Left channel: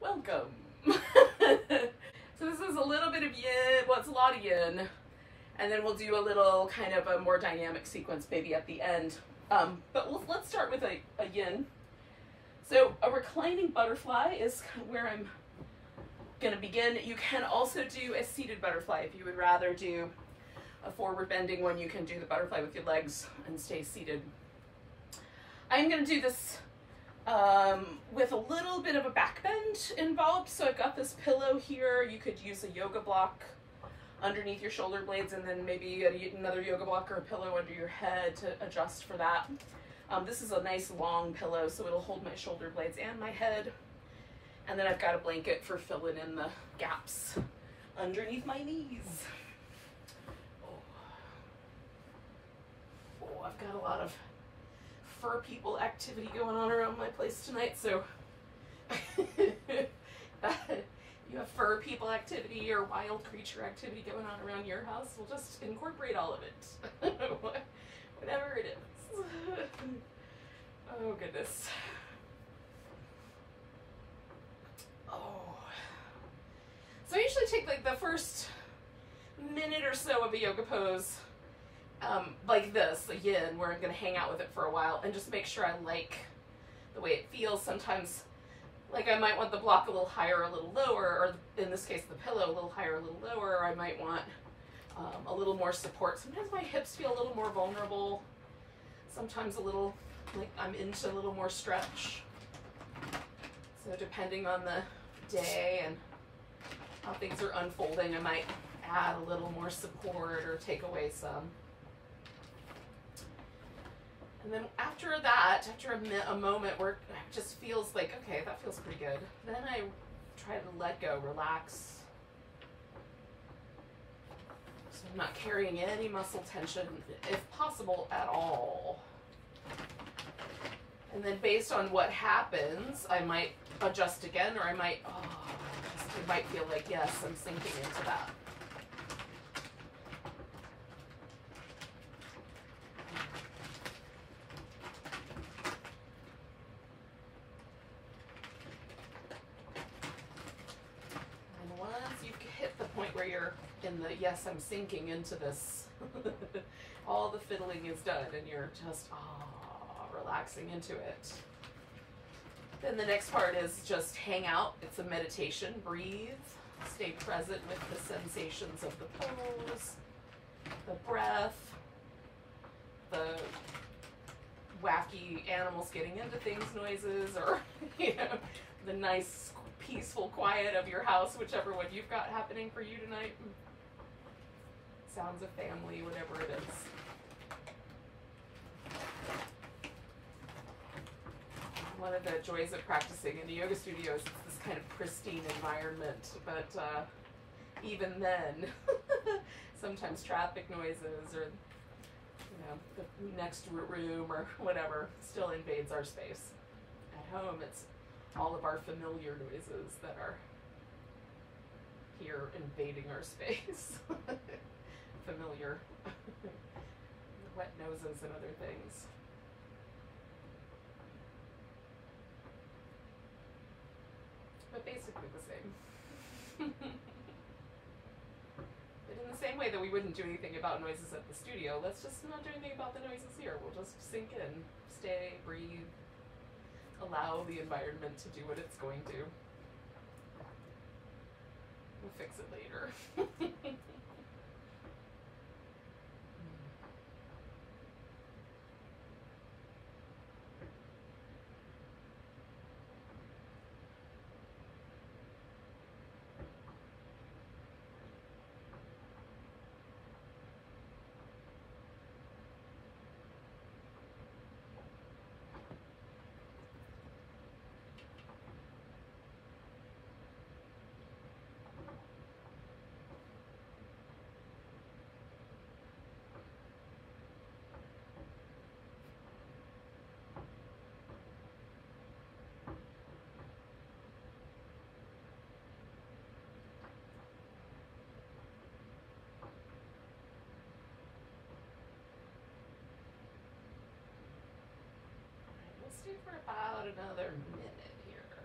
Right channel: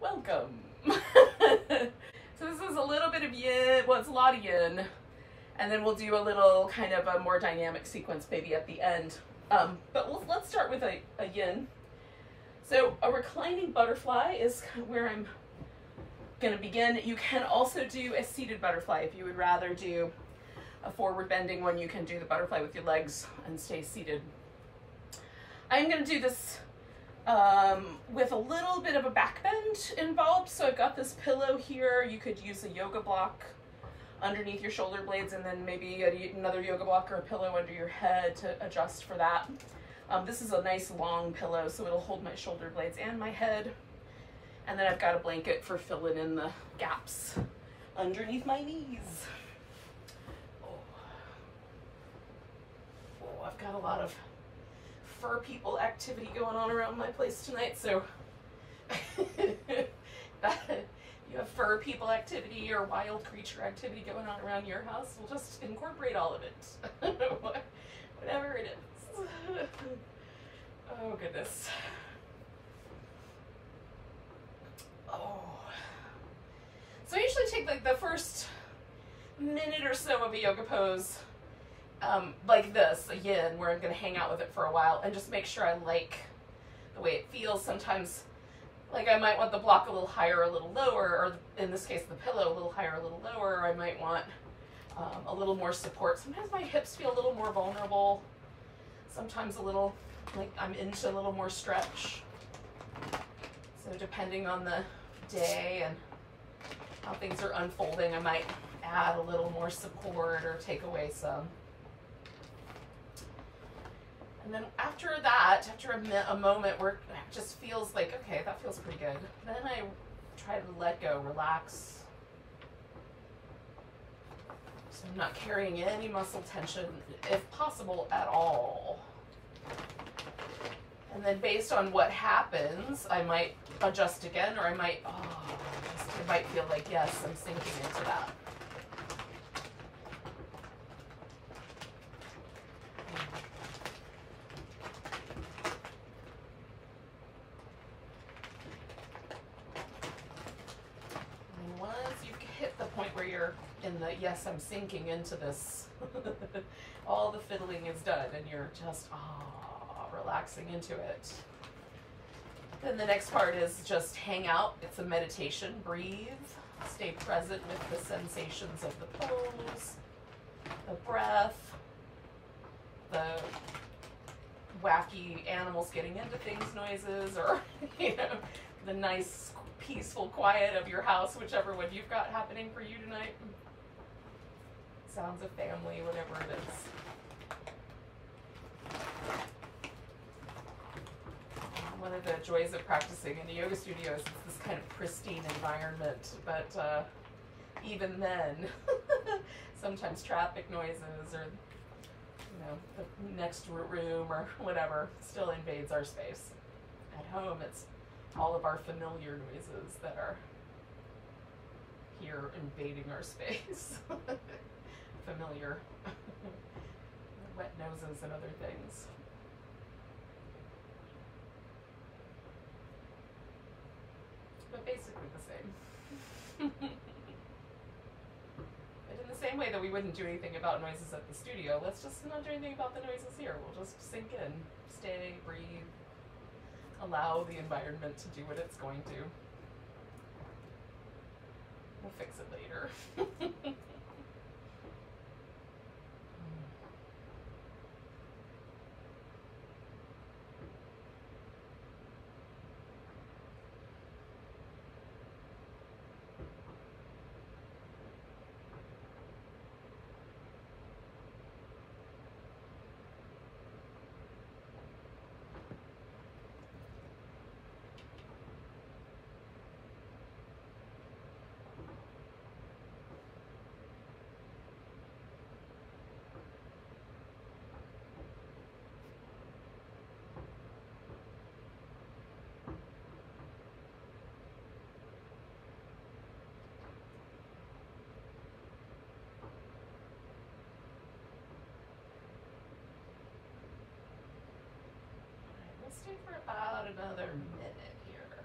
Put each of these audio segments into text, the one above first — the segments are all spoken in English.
Welcome. So this is a little bit of yin, well, it's a lot of yin, and then we'll do a little kind of a more dynamic sequence maybe at the end. But let's start with a yin. So a reclining butterfly is where I'm going to begin. You can also do a seated butterfly. If you would rather do a forward bending one, you can do the butterfly with your legs and stay seated. I'm going to do this with a little bit of a back bend involved. So I've got this pillow here. You could use a yoga block underneath your shoulder blades, and then maybe another yoga block or a pillow under your head to adjust for that. This is a nice long pillow, so it'll hold my shoulder blades and my head. And then I've got a blanket for filling in the gaps underneath my knees. Oh, I've got a lot of fur people activity going on around my place tonight, so you have fur people activity or wild creature activity going on around your house, we'll just incorporate all of it. Whatever it is. Oh goodness. Oh. So I usually take like the first minute or so of a yoga pose like this, a yin, where I'm going to hang out with it for a while and just make sure I like the way it feels. Sometimes, like, I might want the block a little higher, a little lower, or in this case, the pillow a little higher, a little lower, or I might want a little more support. Sometimes my hips feel a little more vulnerable. Sometimes a little, like, I'm into a little more stretch. So depending on the day and how things are unfolding, I might add a little more support or take away some. And then after that, after a moment where it just feels like, okay, that feels pretty good, then I try to let go, relax. So I'm not carrying any muscle tension, if possible, at all. And then based on what happens, I might adjust again, or I might, it might feel like, yes, I'm sinking into that. Where you're in the, yes, I'm sinking into this, all the fiddling is done and you're just relaxing into it. Then the next part is just hang out. It's a meditation. Breathe, stay present with the sensations of the pose, the breath, the wacky animals getting into things noises, or the nice peaceful quiet of your house, whichever one you've got happening for you tonight. Sounds of family, whatever it is. One of the joys of practicing in a yoga studio is this kind of pristine environment, but even then, sometimes traffic noises or the next room or whatever still invades our space. At home, it's all of our familiar noises that are here invading our space. Familiar wet noses and other things. But basically the same. But in the same way that we wouldn't do anything about noises at the studio, let's just not do anything about the noises here. We'll just sink in, stay, breathe. Allow the environment to do what it's going to. We'll fix it later. Let's do for about another minute here.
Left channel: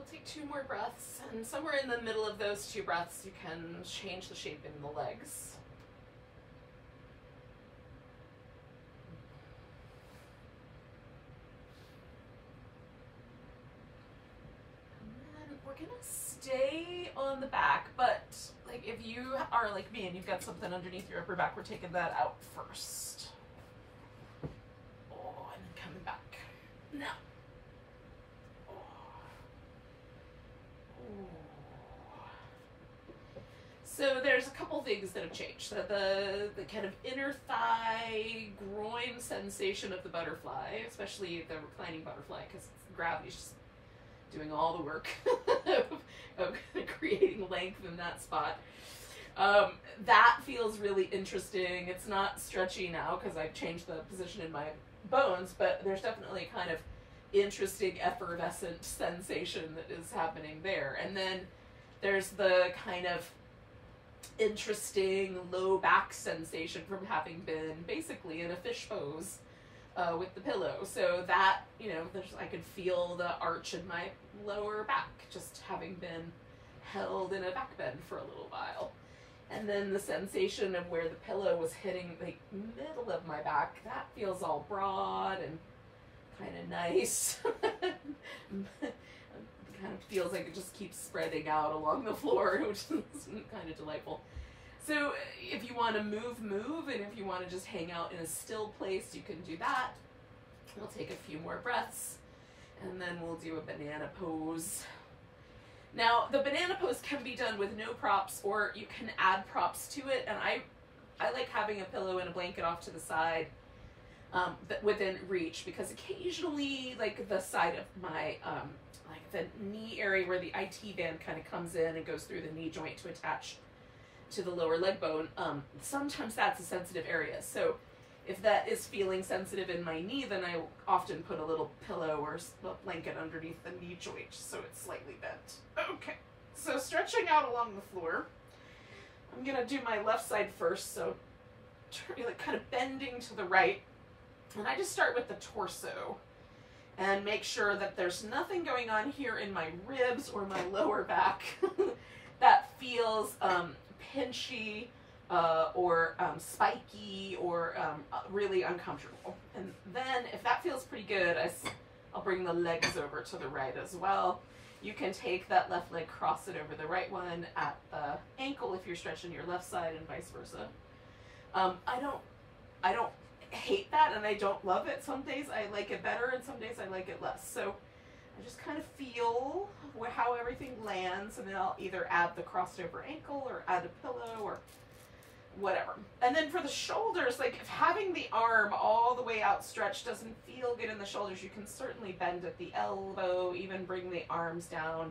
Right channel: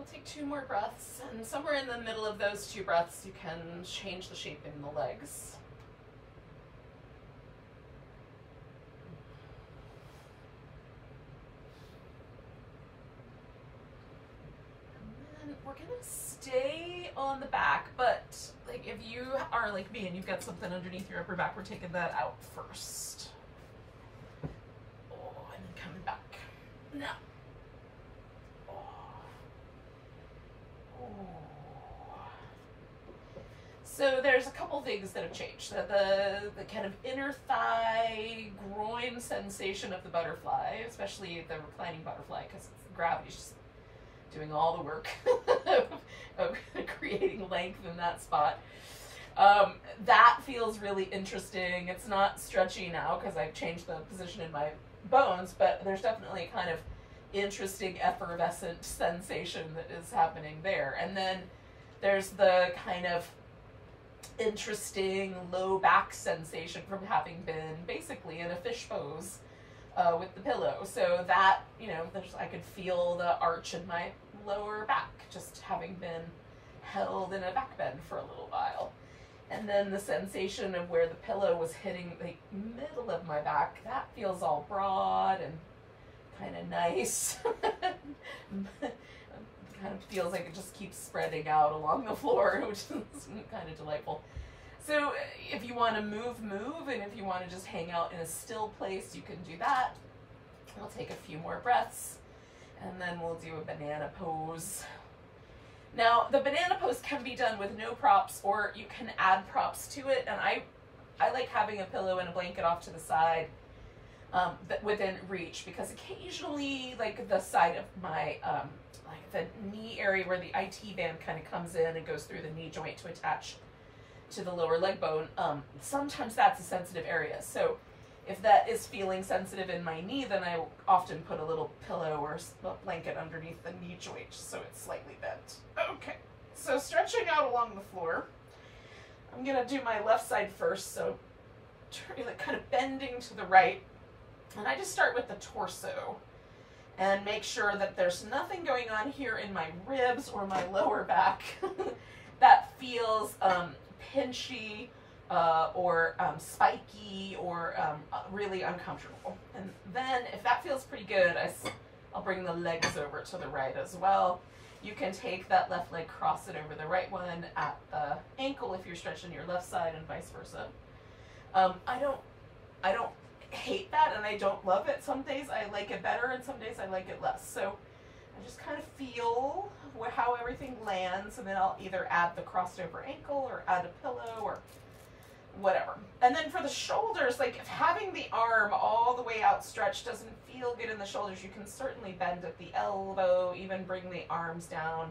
We'll take 2 more breaths, and somewhere in the middle of those 2 breaths, you can change the shape in the legs. And then we're gonna stay on the back, but like if you are like me and you've got something underneath your upper back, we're taking that out first. Oh, and then coming back. Now. So there's a couple things that have changed. The kind of inner thigh, groin sensation of the butterfly, especially the reclining butterfly, because gravity's just doing all the work of creating length in that spot. That feels really interesting. It's not stretchy now because I've changed the position in my bones, but there's definitely kind of interesting effervescent sensation that is happening there. And then there's the kind of interesting low back sensation from having been basically in a fish pose with the pillow. So that, you know, I could feel the arch in my lower back just having been held in a back bend for a little while. And then the sensation of where the pillow was hitting the middle of my back, that feels all broad and kind of nice. Kind of feels like it just keeps spreading out along the floor, which is kind of delightful. So if you want to move, and if you want to just hang out in a still place, you can do that. We'll take a few more breaths, and then we'll do a banana pose. Now, the banana pose can be done with no props, or you can add props to it, and I like having a pillow and a blanket off to the side within reach, because occasionally, like the side of my like the knee area where the IT band kind of comes in and goes through the knee joint to attach to the lower leg bone, sometimes that's a sensitive area. So if that is feeling sensitive in my knee, then I often put a little pillow or a blanket underneath the knee joint so it's slightly bent. Okay, so stretching out along the floor. I'm gonna do my left side first, so kind of bending to the right. And I just start with the torso and make sure that there's nothing going on here in my ribs or my lower back that feels pinchy or spiky or really uncomfortable. And then if that feels pretty good, I'll bring the legs over to the right as well. You can take that left leg, cross it over the right one at the ankle if you're stretching your left side, and vice versa. I don't hate that, and I don't love it. Some days I like it better, and some days I like it less. So I just kind of feel how everything lands, and then I'll either add the crossed over ankle or add a pillow or whatever. And then for the shoulders, like if having the arm all the way outstretched doesn't feel good in the shoulders, you can certainly bend at the elbow, even bring the arms down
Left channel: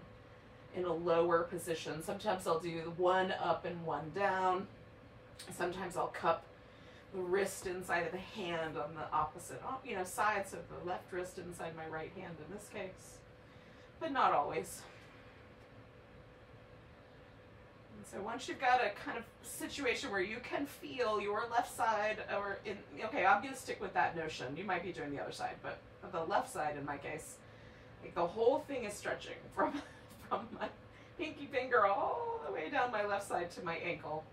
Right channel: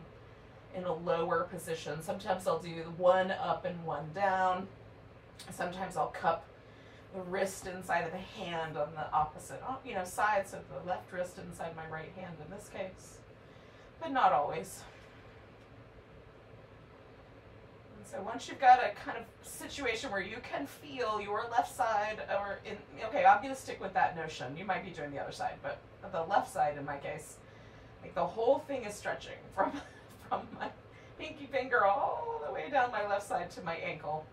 in a lower position. Sometimes I'll do one up and one down. Sometimes I'll cup the wrist inside of the hand on the opposite, side, so the left wrist inside my right hand in this case, but not always. And so once you've got a kind of situation where you can feel your left side, okay, I'm going to stick with that notion. You might be doing the other side, but the left side in my case, like the whole thing is stretching from my pinky finger all the way down my left side to my ankle.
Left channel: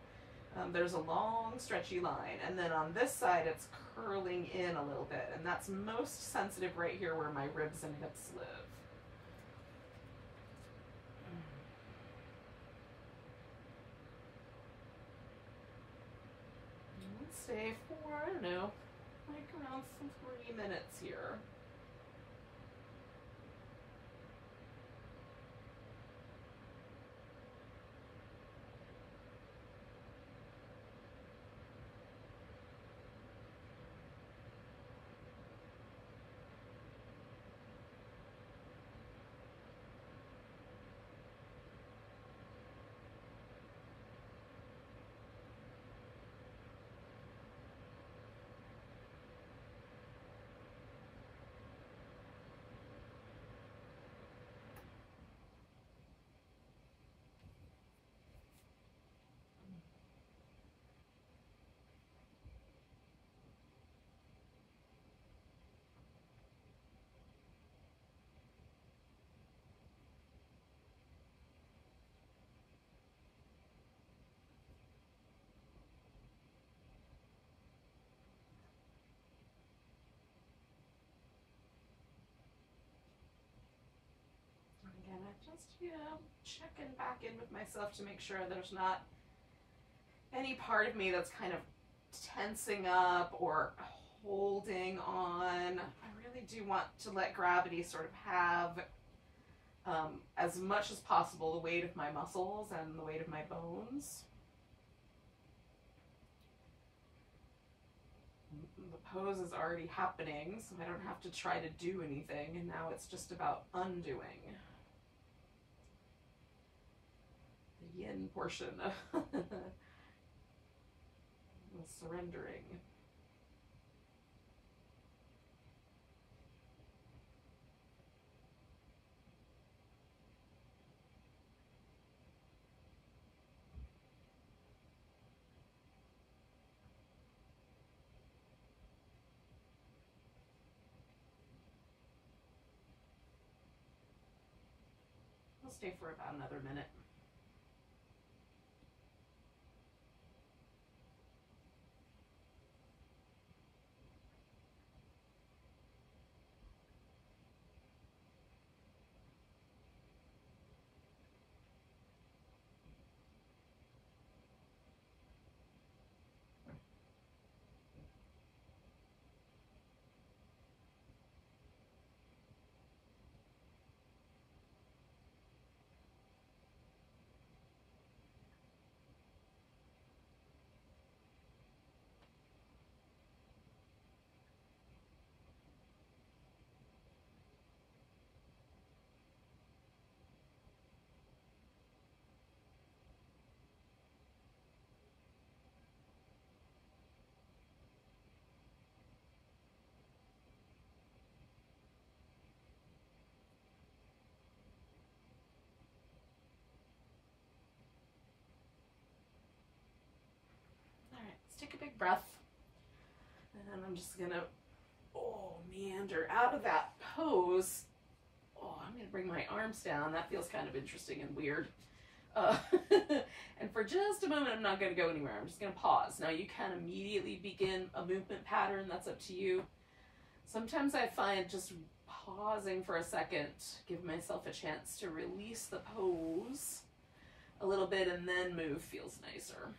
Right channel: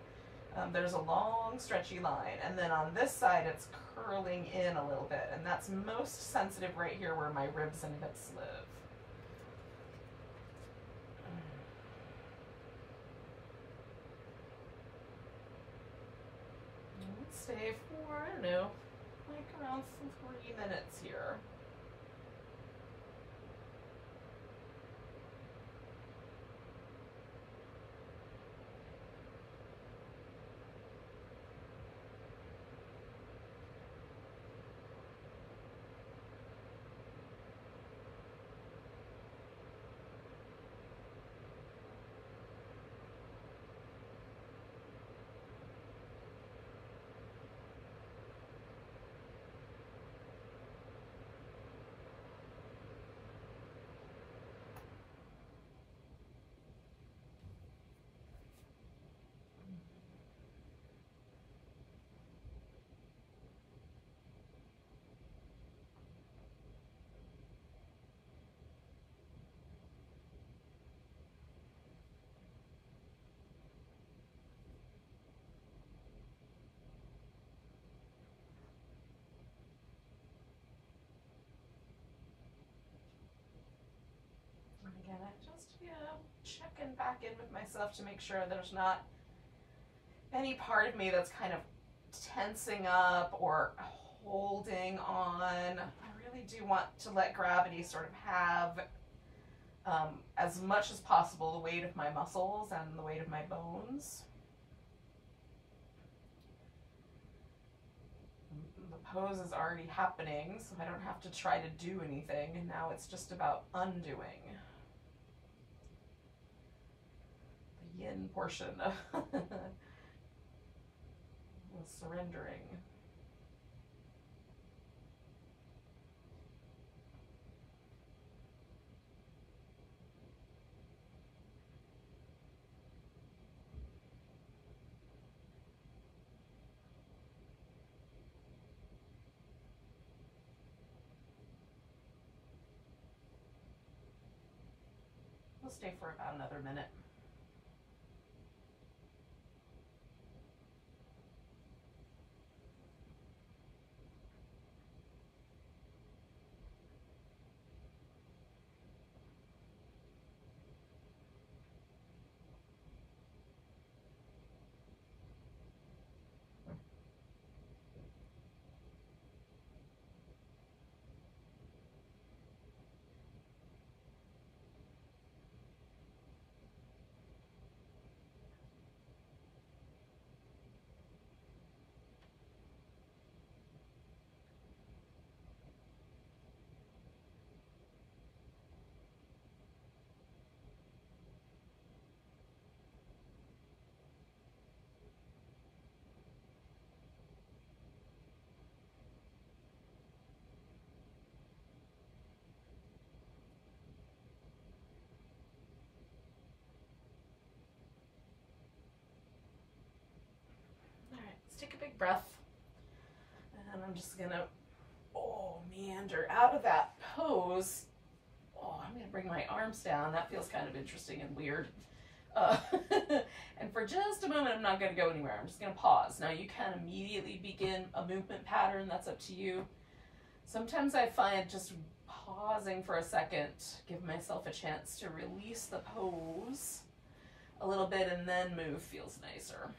There's a long stretchy line, and then on this side it's curling in a little bit, and that's most sensitive right here where my ribs and hips live. Let's stay for, I don't know, like around some 3 minutes here. checking back in with myself to make sure there's not any part of me that's kind of tensing up or holding on. I really do want to let gravity sort of have as much as possible the weight of my muscles and the weight of my bones. The pose is already happening, so I don't have to try to do anything, and now it's just about undoing the yin portion of the surrendering. We'll stay for about another minute. Let's take a big breath, and I'm just gonna meander out of that pose. I'm gonna bring my arms down. That feels kind of interesting and weird. And for just a moment, I'm not gonna go anywhere. I'm just gonna pause. Now you can immediately begin a movement pattern. That's up to you. Sometimes I find just pausing for a second, give myself a chance to release the pose a little bit and then move feels nicer.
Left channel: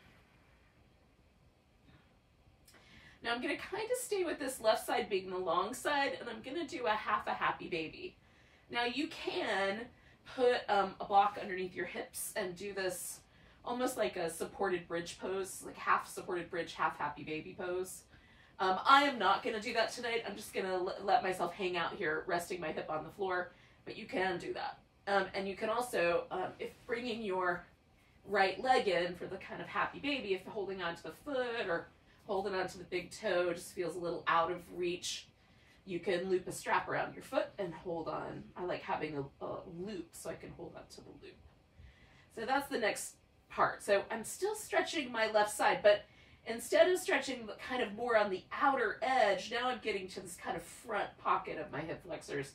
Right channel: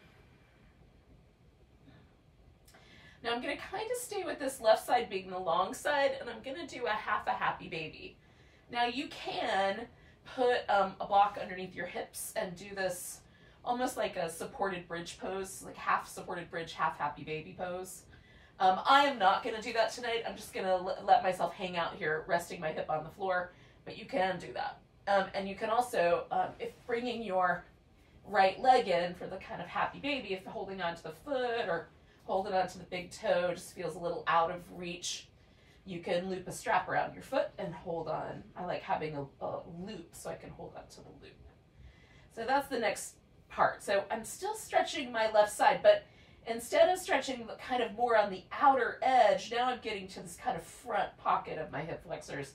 Now I'm going to kind of stay with this left side being the long side, and I'm going to do a half a happy baby. Now you can put a block underneath your hips and do this almost like a supported bridge pose, like half supported bridge, half happy baby pose. I am not going to do that tonight. I'm just going to let myself hang out here, resting my hip on the floor, but you can do that. And you can also, if bringing your right leg in for the kind of happy baby, if holding onto the foot or holding onto the big toe just feels a little out of reach, you can loop a strap around your foot and hold on. I like having a loop so I can hold on to the loop. So that's the next part. So I'm still stretching my left side, but instead of stretching kind of more on the outer edge, now I'm getting to this kind of front pocket of my hip flexors.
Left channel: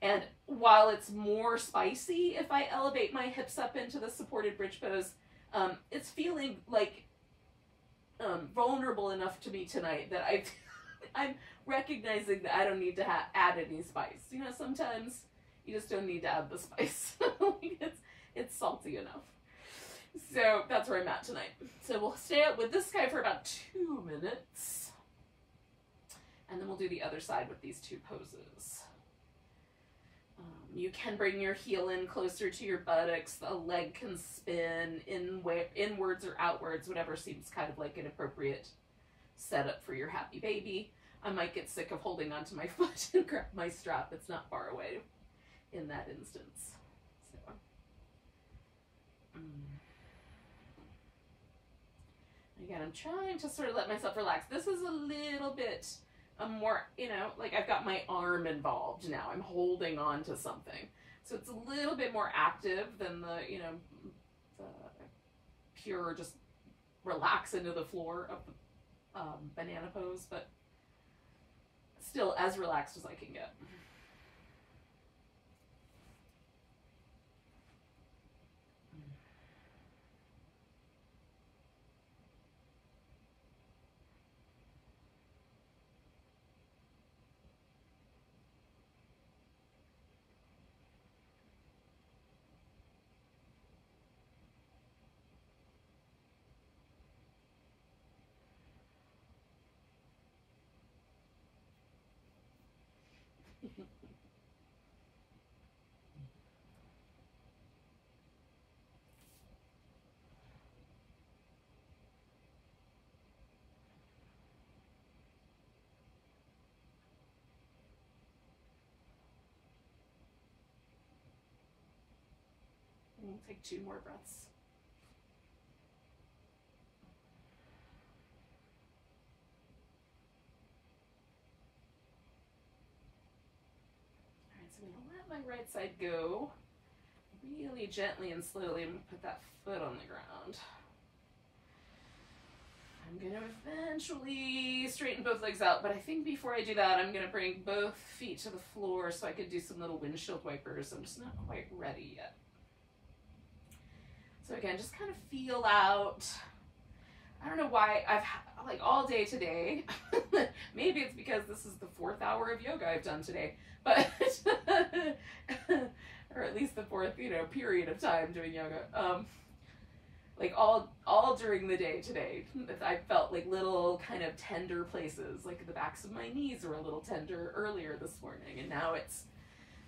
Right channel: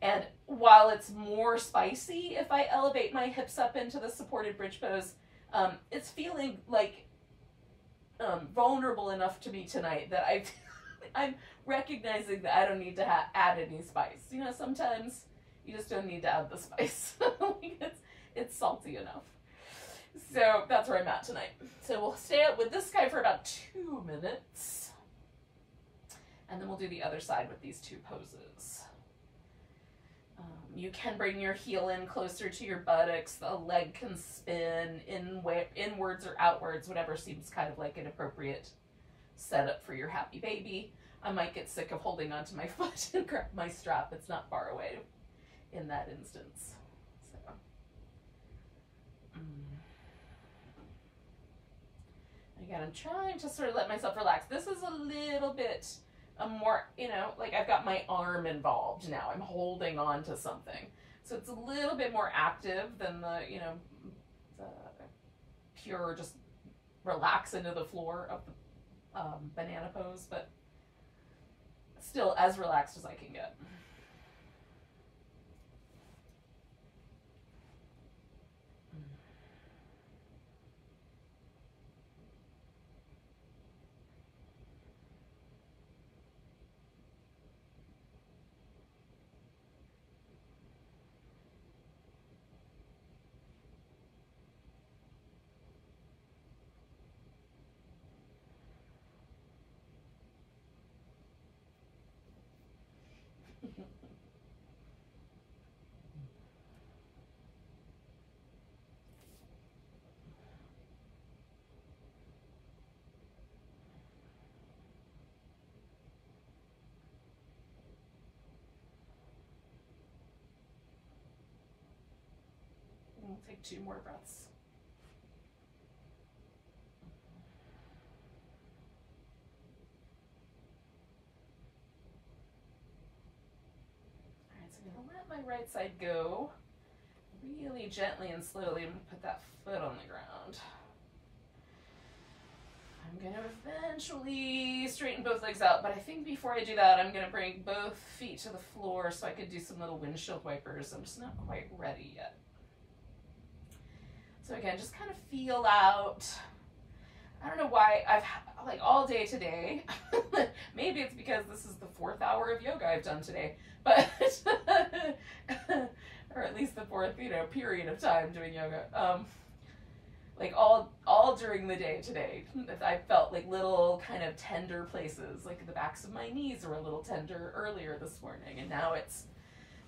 And while it's more spicy if I elevate my hips up into the supported bridge pose, it's feeling like vulnerable enough to me tonight that I'm recognizing that I don't need to add any spice. You know, sometimes you just don't need to add the spice. It's salty enough. So that's where I'm at tonight. So we'll stay out with this guy for about 2 minutes, and then we'll do the other side with these two poses. You can bring your heel in closer to your buttocks. The leg can spin inwards or outwards, whatever seems kind of like an appropriate setup for your happy baby. I might get sick of holding onto my foot and grab my strap. It's not far away in that instance. So, again, I'm trying to sort of let myself relax. This is a little bit more, you know, like I've got my arm involved now. I'm holding on to something. So it's a little bit more active than the, you know, the pure just relax into the floor of the banana pose, but still as relaxed as I can get. We'll take 2 more breaths. All right, so I'm gonna let my right side go. Really gently and slowly, I'm gonna put that foot on the ground. I'm gonna eventually straighten both legs out, but I think before I do that, I'm gonna bring both feet to the floor so I could do some little windshield wipers. I'm just not quite ready yet. So again, just kind of feel out. I don't know why I've like all day today. Maybe it's because this is the 4th hour of yoga I've done today, but or at least the 4th, period of time doing yoga. Like all during the day today, I felt like little kind of tender places, like the backs of my knees were a little tender earlier this morning, and now it's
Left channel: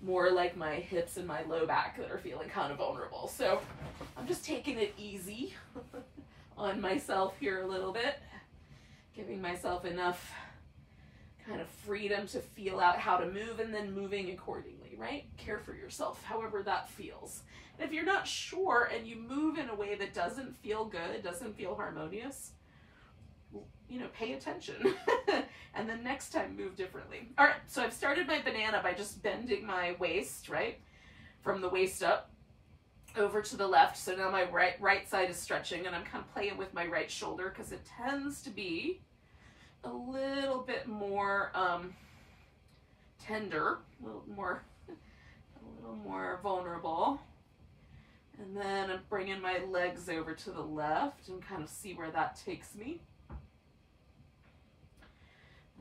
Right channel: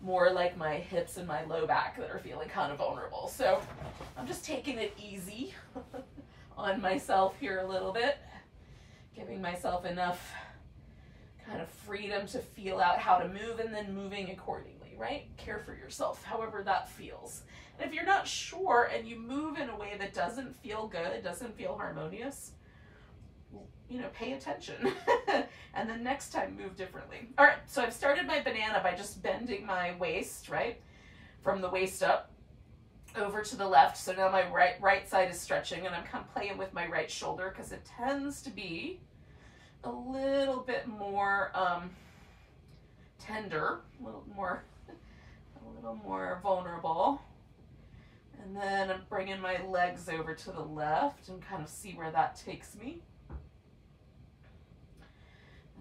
more like my hips and my low back that are feeling kind of vulnerable. So I'm just taking it easy on myself here a little bit, giving myself enough kind of freedom to feel out how to move and then moving accordingly, right? Care for yourself, however that feels. And if you're not sure and you move in a way that doesn't feel good, doesn't feel harmonious, pay attention. And then next time move differently. All right, so I've started my banana by just bending my waist, right? From the waist up over to the left. So now my right side is stretching, and I'm kind of playing with my right shoulder because it tends to be a little bit more tender, a little more vulnerable. And then I'm bringing my legs over to the left and kind of see where that takes me.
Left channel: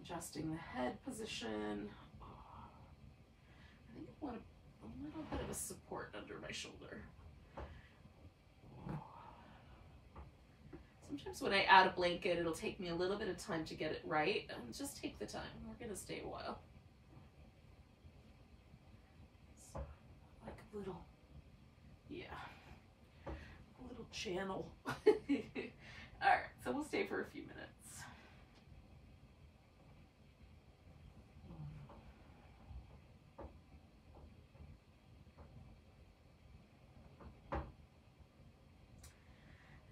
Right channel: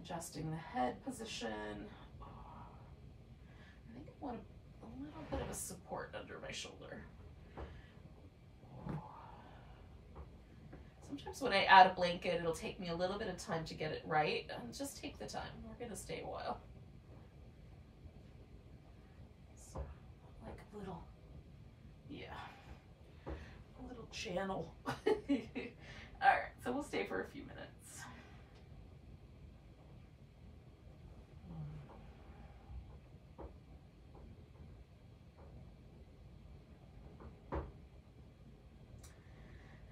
Adjusting the head position. I think I want a little bit of a support under my shoulder. Sometimes when I add a blanket, it'll take me a little bit of time to get it right. And just take the time. We're going to stay a while. So, like a little, a little channel. All right, so we'll stay for a few minutes.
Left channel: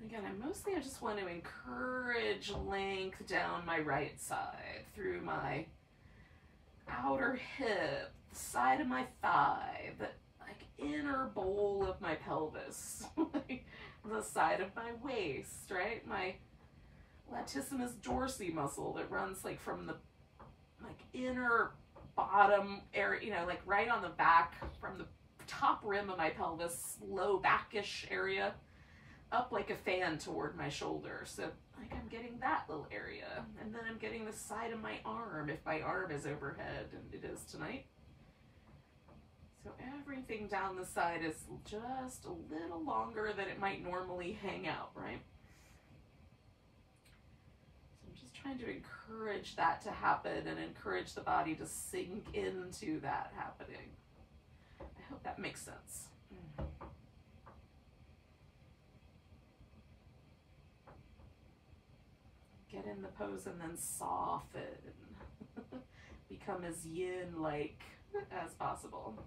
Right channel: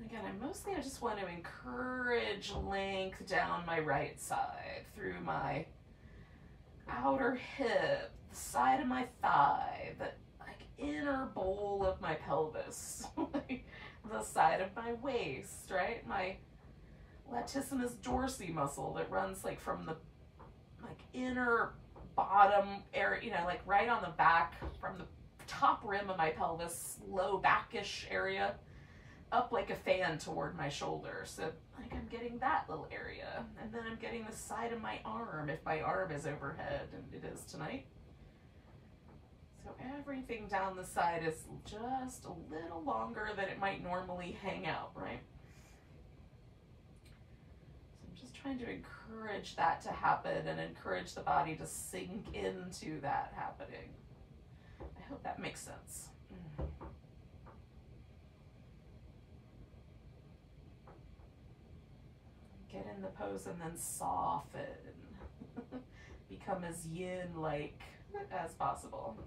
Again, I just want to encourage length down my right side through my outer hip, the side of my thigh, the inner bowl of my pelvis, the side of my waist, right? My latissimus dorsi muscle that runs from the inner bottom area, right on the back from the top rim of my pelvis, low backish area, up like a fan toward my shoulder. So I'm getting that little area. And then I'm getting the side of my arm if my arm is overhead, and it is tonight. So everything down the side is just a little longer than it might normally hang out, right? So I'm just trying to encourage that to happen and encourage the body to sink into that happening. I hope that makes sense. Get in the pose and then soften. Become as yin-like as possible.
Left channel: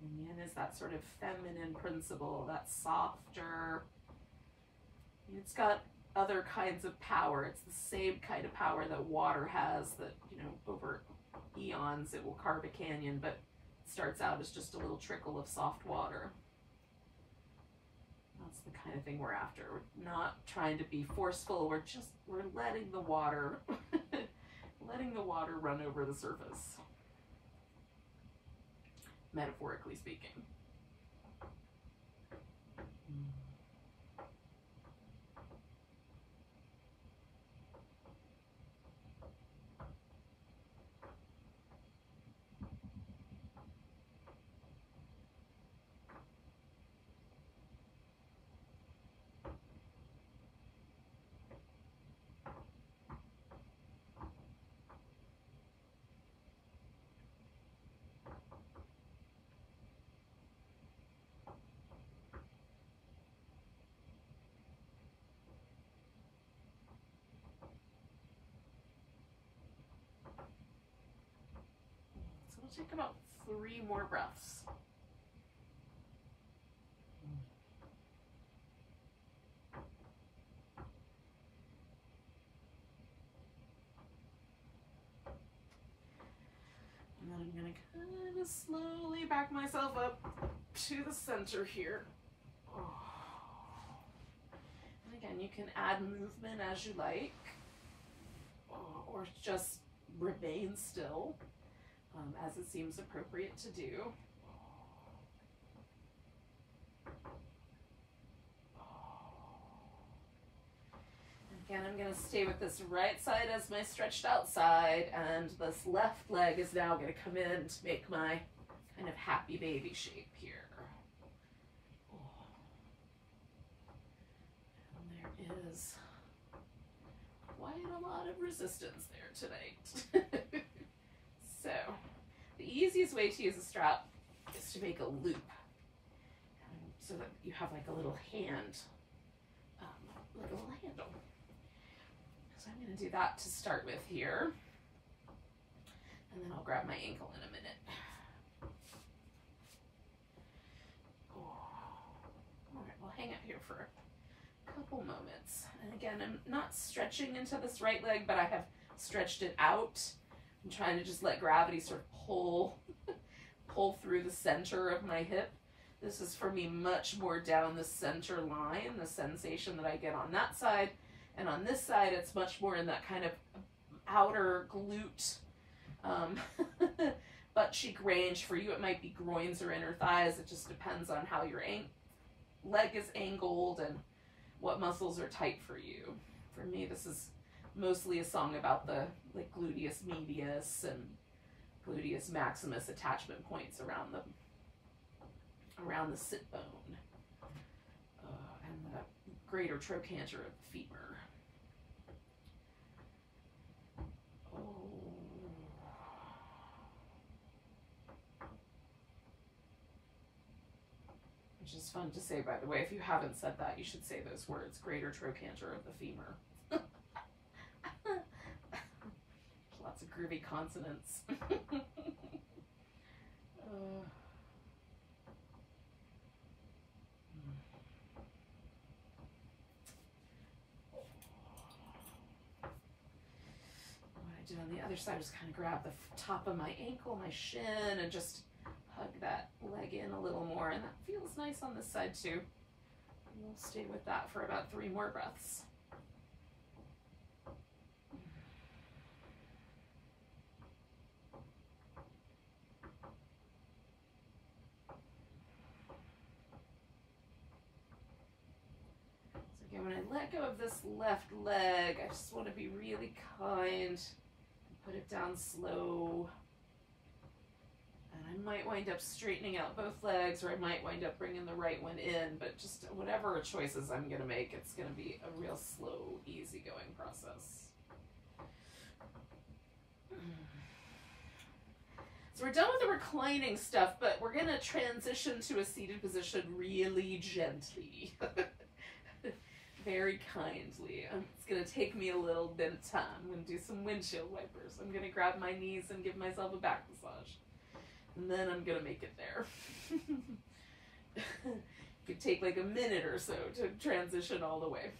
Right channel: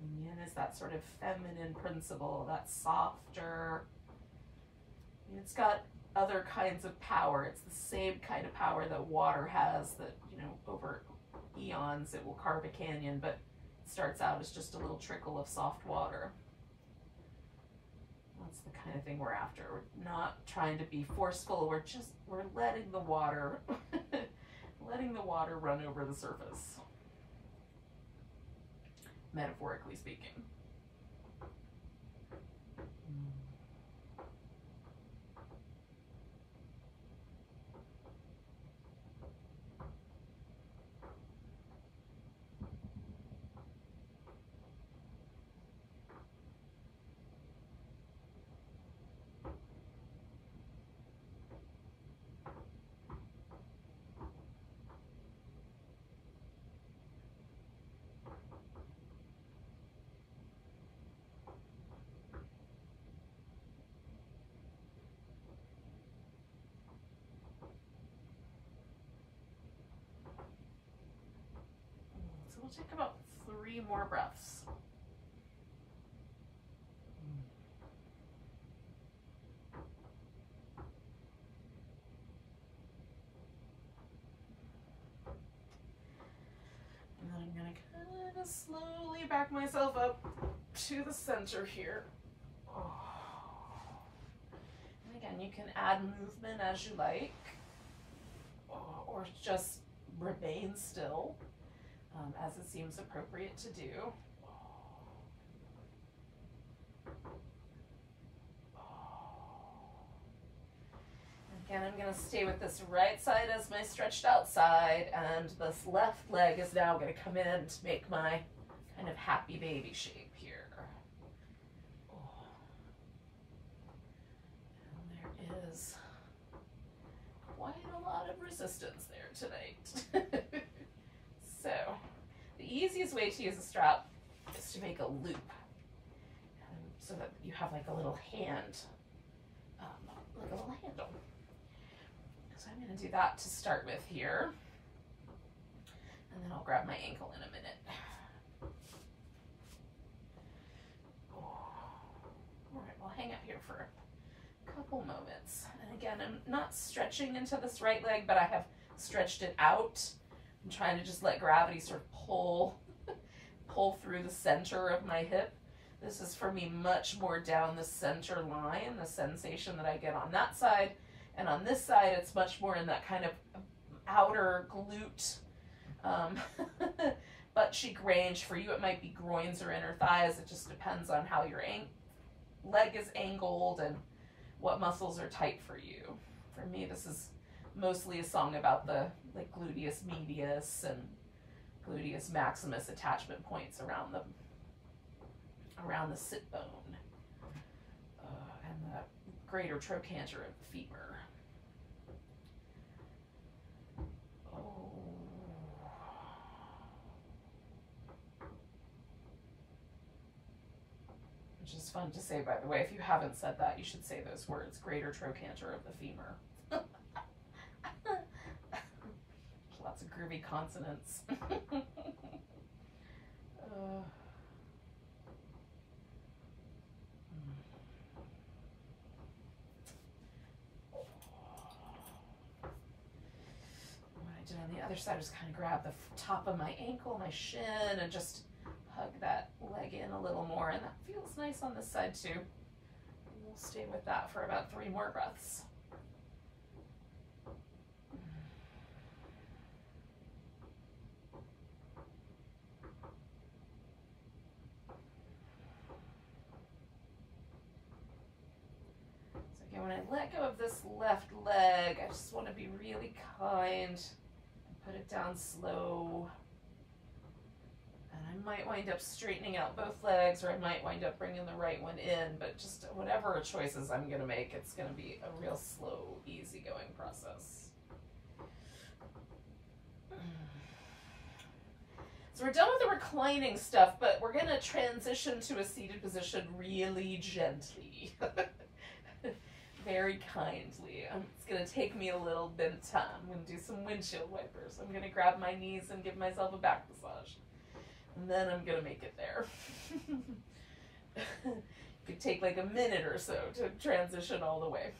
And yin is that sort of feminine principle, that softer. It's got other kinds of power. It's the same kind of power that water has that, over eons it will carve a canyon, but it starts out as just a little trickle of soft water. That's the kind of thing we're after. We're not trying to be forceful. We're letting the water, run over the surface. Metaphorically speaking. We'll take about 3 more breaths. gonna slowly back myself up to the center here. And again, you can add movement as you like, or just remain still, as it seems appropriate to do. Again, I'm going to stay with this right side as my stretched out side, and this left leg is now going to come in to make my kind of happy baby shape here. And there is quite a lot of resistance there tonight. So, the easiest way to use a strap is to make a loop, so that you have like a little hand, like a little handle. So I'm going to do that to start with here, and then I'll grab my ankle in a minute. All right, we'll hang out here for a couple moments. And again, I'm not stretching into this right leg, but I have stretched it out. I'm trying to just let gravity sort of pull through the center of my hip. This is for me much more down the center line, the sensation that I get on that side. And on this side, it's much more in that kind of outer glute, butt cheek range. For you, it might be groins or inner thighs. It just depends on how your leg is angled and what muscles are tight for you. For me, this is mostly a song about the like gluteus medius and gluteus maximus attachment points around the sit bone and the greater trochanter of the femur. Which is fun to say, by the way. If you haven't said that, you should say those words: greater trochanter of the femur. Lots of groovy consonants. On the other side, just kind of grab the top of my ankle, my shin, and just hug that leg in a little more, and that feels nice on this side too. And we'll stay with that for about 3 more breaths. So again, when I let go of this left leg, I just want to be really kind. Put it down slow, and I might wind up straightening out both legs, or I might wind up bringing the right one in, but just whatever choices I'm going to make, it's going to be a real slow, easygoing process. So we're done with the reclining stuff, but we're going to transition to a seated position really gently. Very kindly. It's going to take me a little bit of time. I'm going to do some windshield wipers. I'm going to grab my knees and give myself a back massage. And then I'm going to make it there. It could take like a minute or so to transition all the way.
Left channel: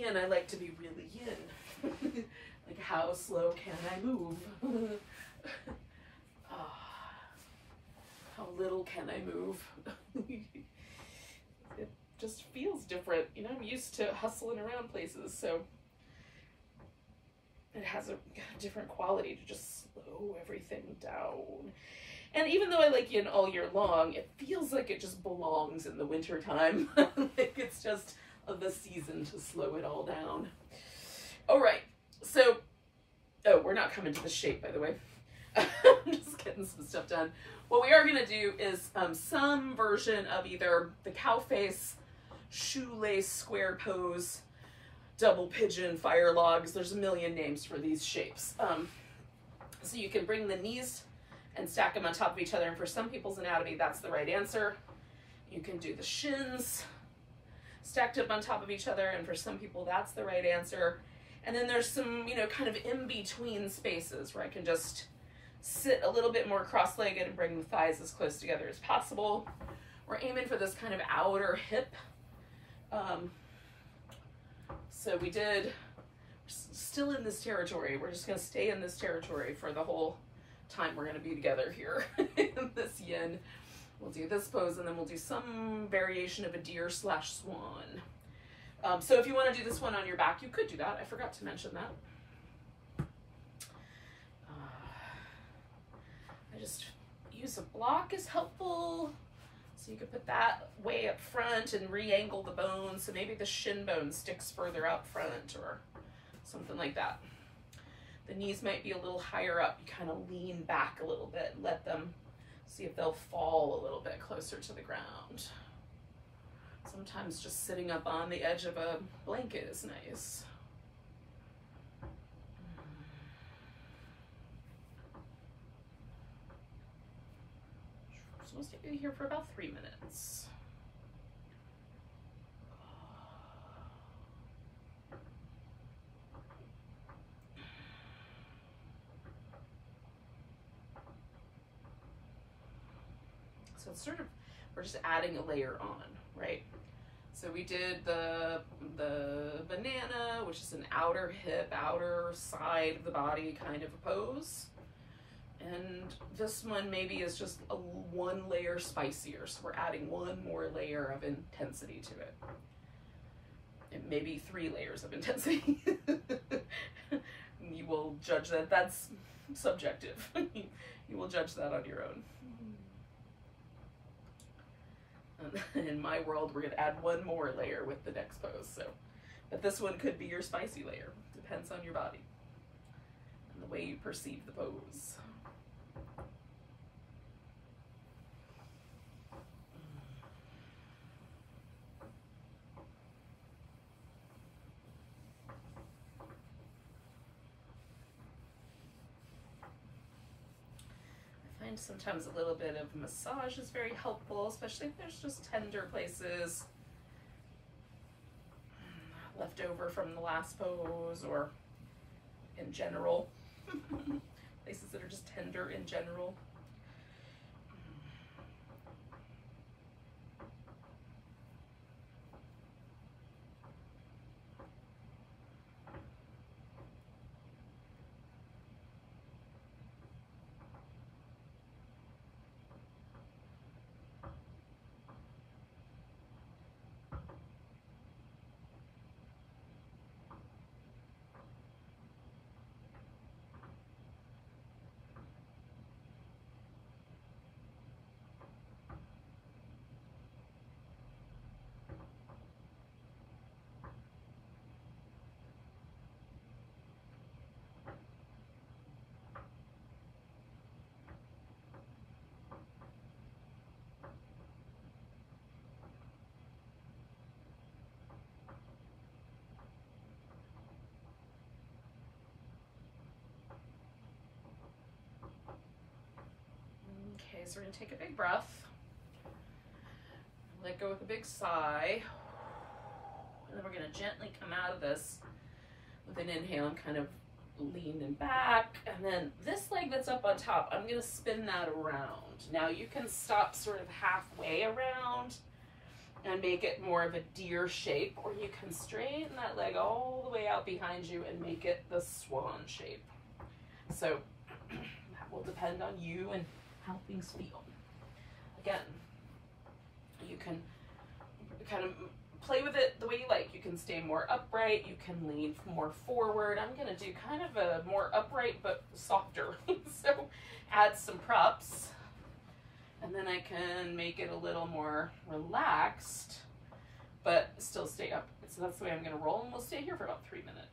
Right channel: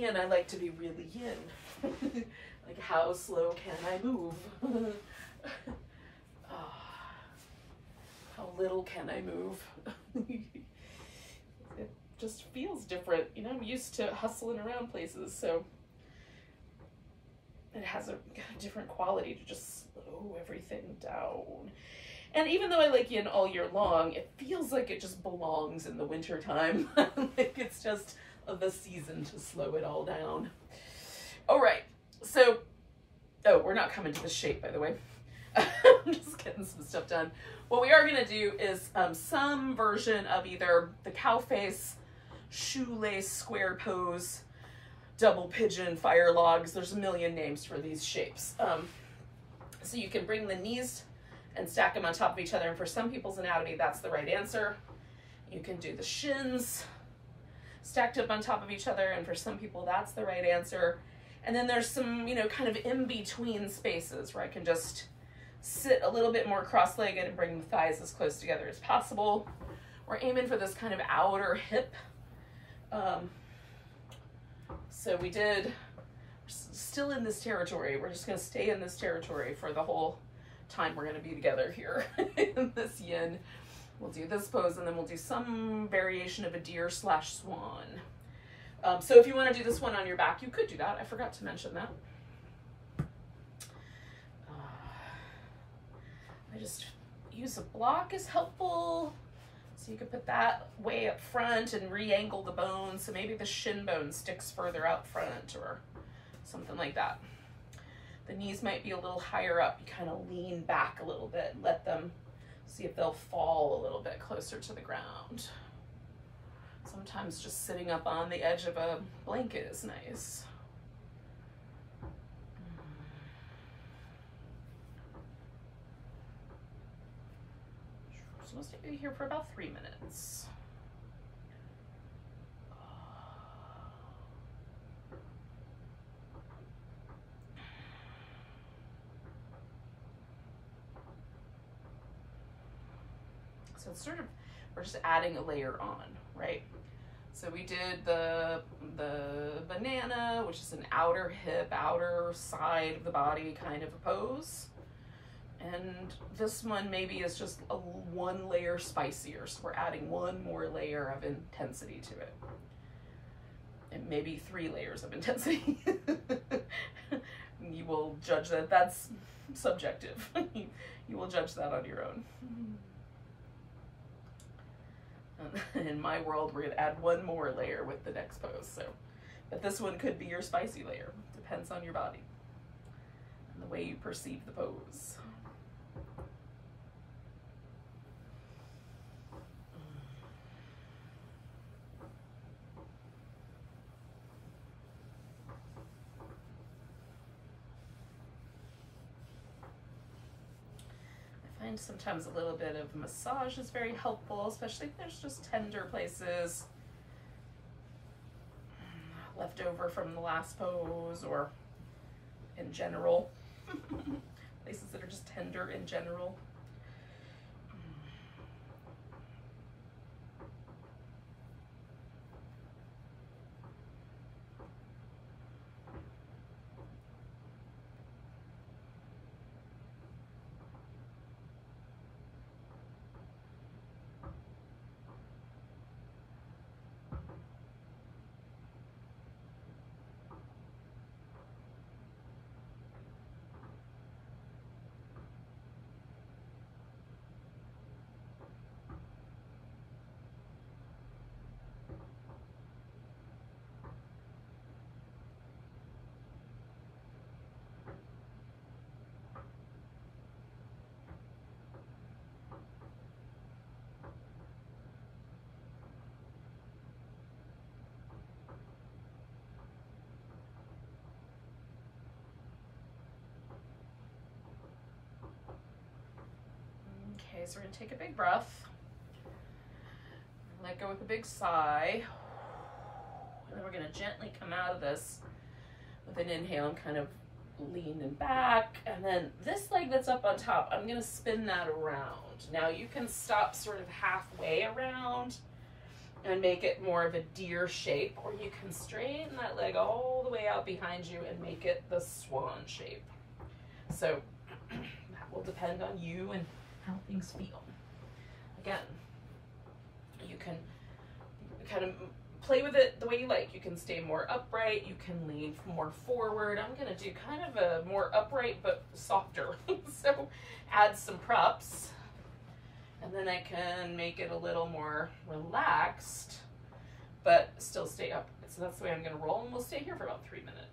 And I like to be really yin. Like, how slow can I move? How little can I move? It just feels different. You know, I'm used to hustling around places, so it has a different quality to just slow everything down. And even though I like yin all year long, it feels like it just belongs in the winter time. Like it's just the season to slow it all down. All right, so, oh, we're not coming to the shape, by the way. I'm just getting some stuff done. What we are gonna do is some version of either the cow face, shoelace, square pose, double pigeon, fire logs. There's a million names for these shapes. So you can bring the knees and stack them on top of each other. And for some people's anatomy, that's the right answer. You can do the shins stacked up on top of each other, and for some people that's the right answer. And then there's some, you know, kind of in-between spaces where I can just sit a little bit more cross-legged and bring the thighs as close together as possible. We're aiming for this kind of outer hip. So we're still in this territory. We're just gonna stay in this territory for the whole time we're gonna be together here in this yin. We'll do this pose and then we'll do some variation of a deer / swan. So if you want to do this one on your back, you could do that. I forgot to mention that. I just use a block is helpful. So you could put that way up front and re-angle the bones. So maybe the shin bone sticks further out front or something like that. The knees might be a little higher up. You kind of lean back a little bit and let them see if they'll fall a little bit closer to the ground. Sometimes just sitting up on the edge of a blanket is nice. So we'll stay here for about 3 minutes. So it's sort of, we're just adding a layer on, right? So we did the banana, which is an outer hip, outer side of the body kind of a pose. And this one maybe is just a 1 layer spicier. So we're adding 1 more layer of intensity to it. And maybe 3 layers of intensity. You will judge that. That's subjective. You will judge that on your own. In my world, we're going to add 1 more layer with the next pose. So, but this one could be your spicy layer. Depends on your body and the way you perceive the pose. Sometimes a little bit of massage is very helpful, especially if there's just tender places left over from the last pose or in general. Places that are just tender in general. Okay, so we're gonna take a big breath. Let go with a big sigh. And then we're gonna gently come out of this with an inhale and kind of leaning back. And then this leg that's up on top, I'm gonna spin that around. Now you can stop sort of halfway around and make it more of a deer shape, or you can straighten that leg all the way out behind you and make it the swan shape. So that will depend on you and how things feel. Again, you can kind of play with it the way you like. You can stay more upright, you can lean more forward. I'm gonna do kind of a more upright but softer. So add some props, and then I can make it a little more relaxed, but still stay up. So that's the way I'm gonna roll, and we'll stay here for about 3 minutes.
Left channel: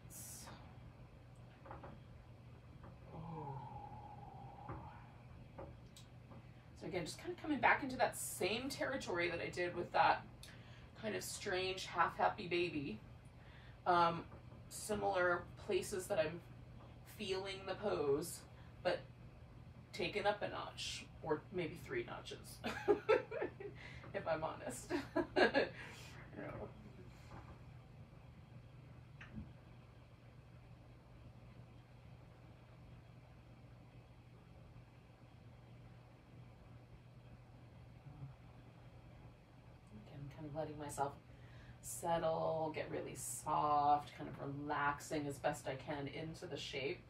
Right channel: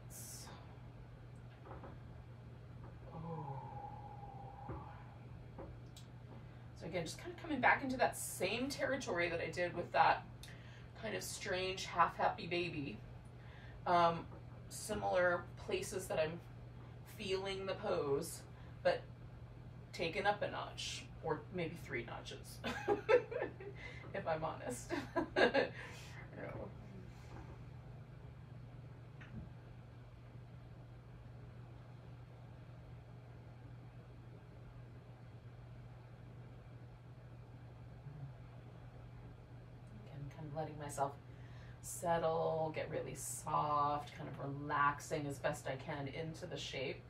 Again, just kind of coming back into that same territory that I did with that kind of strange half-happy baby. Similar places that I'm feeling the pose, but taken up a notch, or maybe 3 notches, if I'm honest. You know. letting myself settle, get really soft, kind of relaxing as best I can into the shape.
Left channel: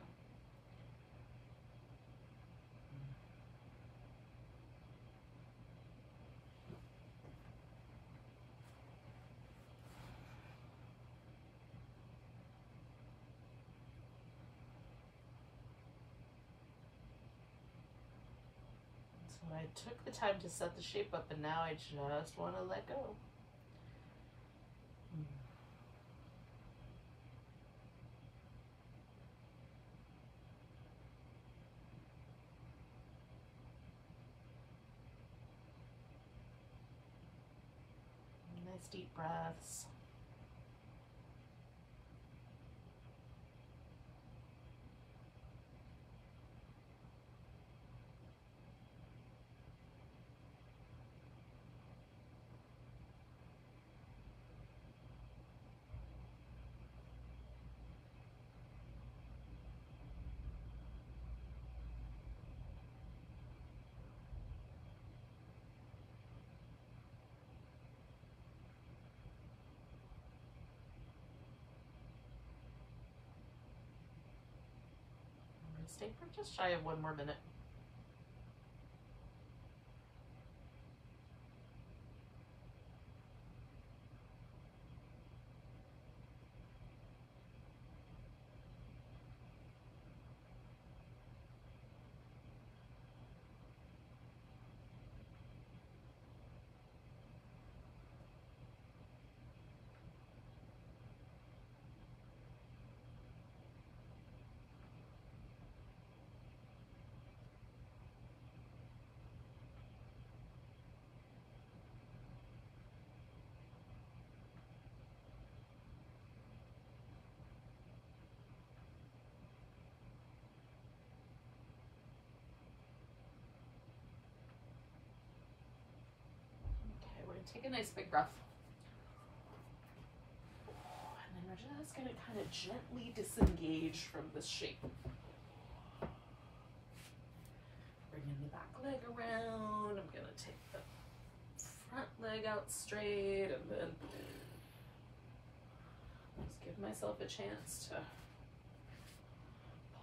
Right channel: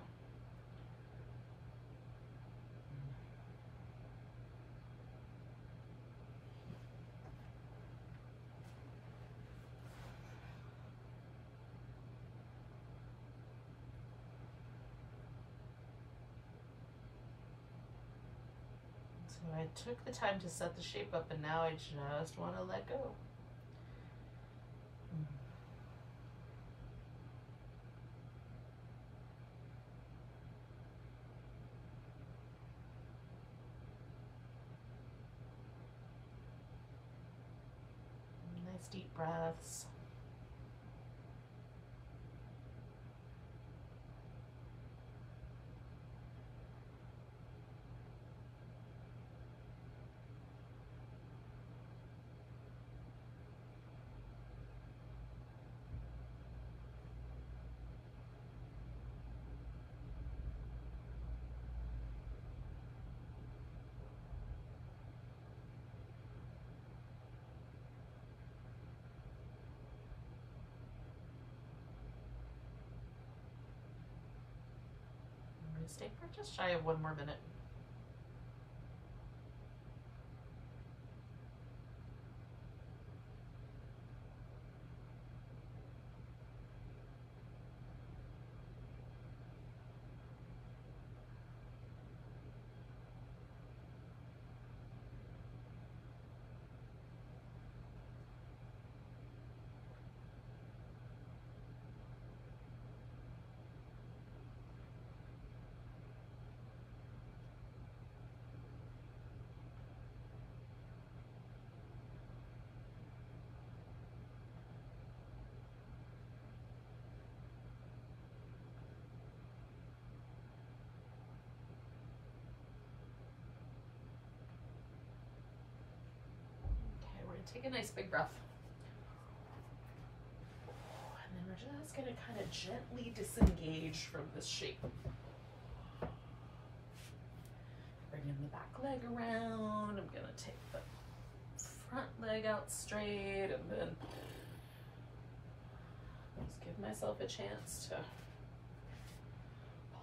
So I took the time to set the shape up, and now I just want to let go. Nice deep breaths. Stay for just shy of 1 more minute. Take a nice big breath. And then we're just going to kind of gently disengage from this shape. Bringing the back leg around. I'm going to take the front leg out straight, and then just give myself a chance to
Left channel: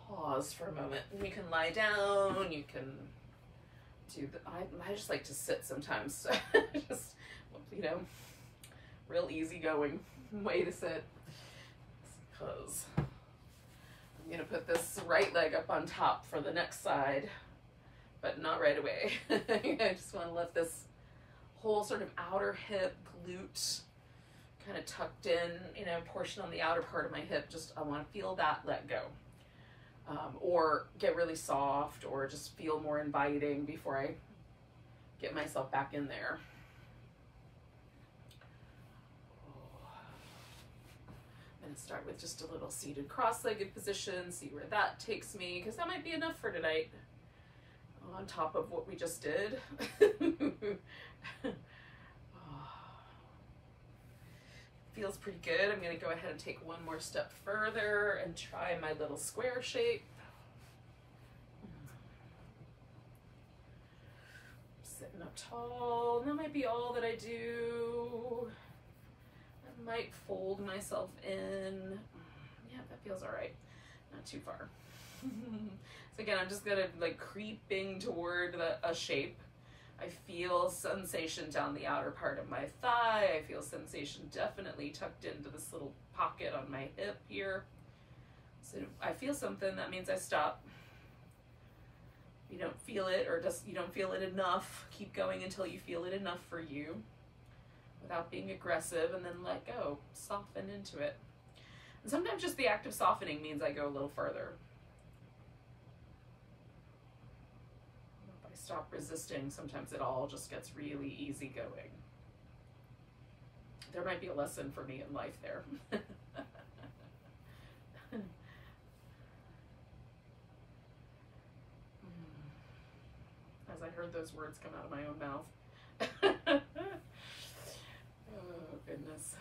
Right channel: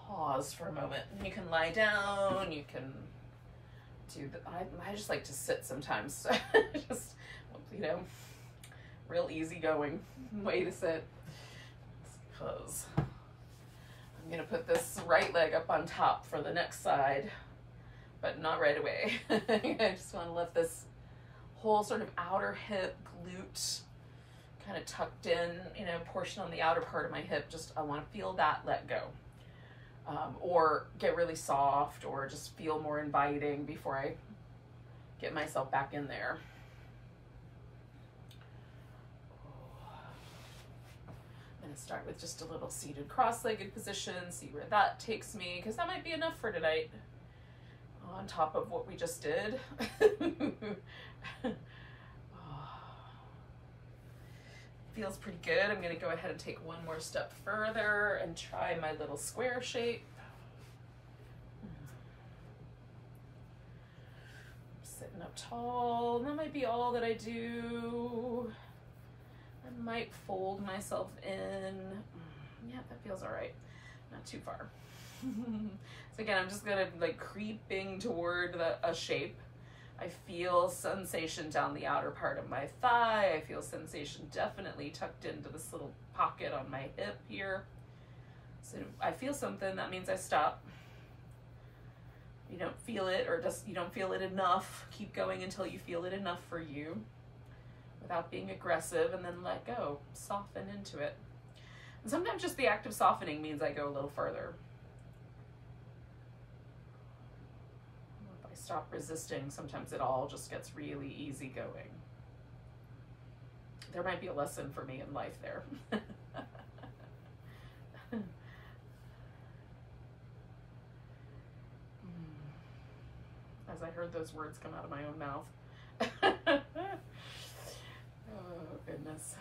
pause for a moment. And you can lie down, you can do the, I just like to sit sometimes. Just, you know, real easygoing way to sit. Because I'm gonna put this right leg up on top for the next side, but not right away. I just want to let this whole sort of outer hip, glute, kind of tucked in, you know, portion on the outer part of my hip. Just, I want to feel that let go. Or get really soft, or just feel more inviting before I get myself back in there. I'm going to start with just a little seated cross-legged position, see where that takes me, because that might be enough for tonight on top of what we just did. Feels pretty good. I'm going to go ahead and take one more step further and try my little square shape. Sitting up tall. And that might be all that I do. I might fold myself in. Yeah, that feels all right. Not too far. So again, I'm just going to like creeping toward a shape. I feel sensation down the outer part of my thigh. I feel sensation definitely tucked into this little pocket on my hip here. So if I feel something, that means I stop. You don't feel it, or just you don't feel it enough, keep going until you feel it enough for you without being aggressive, and then let go, soften into it. And sometimes just the act of softening means I go a little further. Stop resisting, sometimes it all just gets really easy going. There might be a lesson for me in life there. As I heard those words come out of my own mouth. Oh, goodness.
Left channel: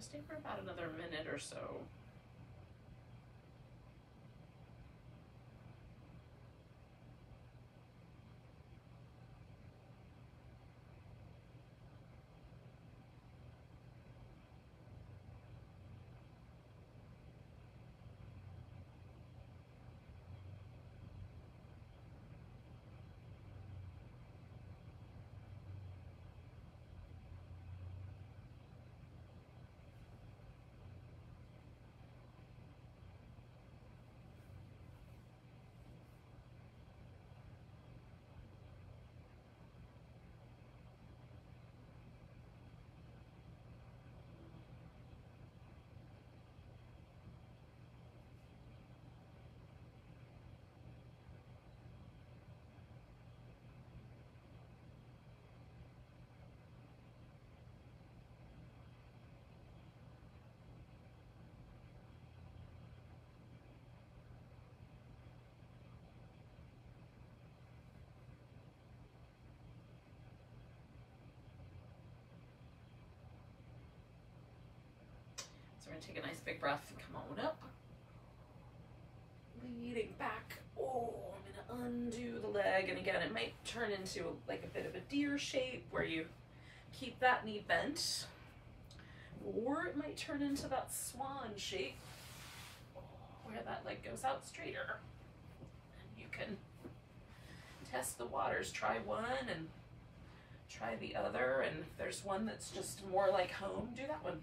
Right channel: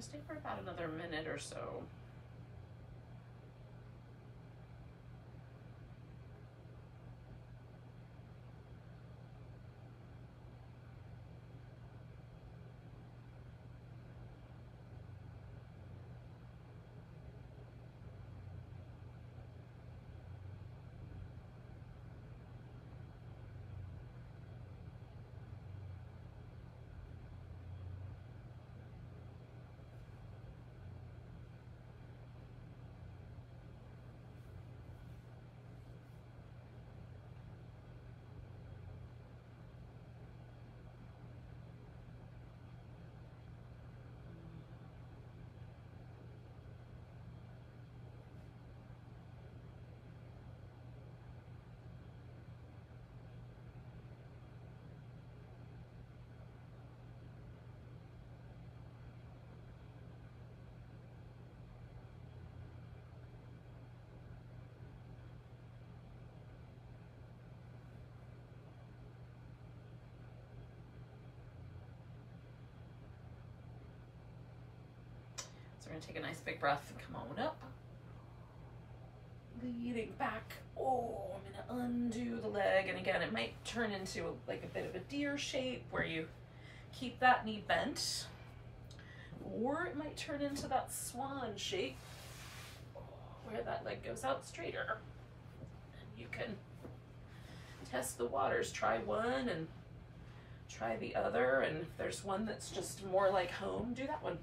gonna stay for about another minute or so. We're gonna take a nice big breath and come on up. Leading back. Oh, I'm gonna undo the leg. And again, it might turn into like a bit of a deer shape where you keep that knee bent. Or it might turn into that swan shape where that leg goes out straighter. And you can test the waters. Try one and try the other. And if there's one that's just more like home, do that one.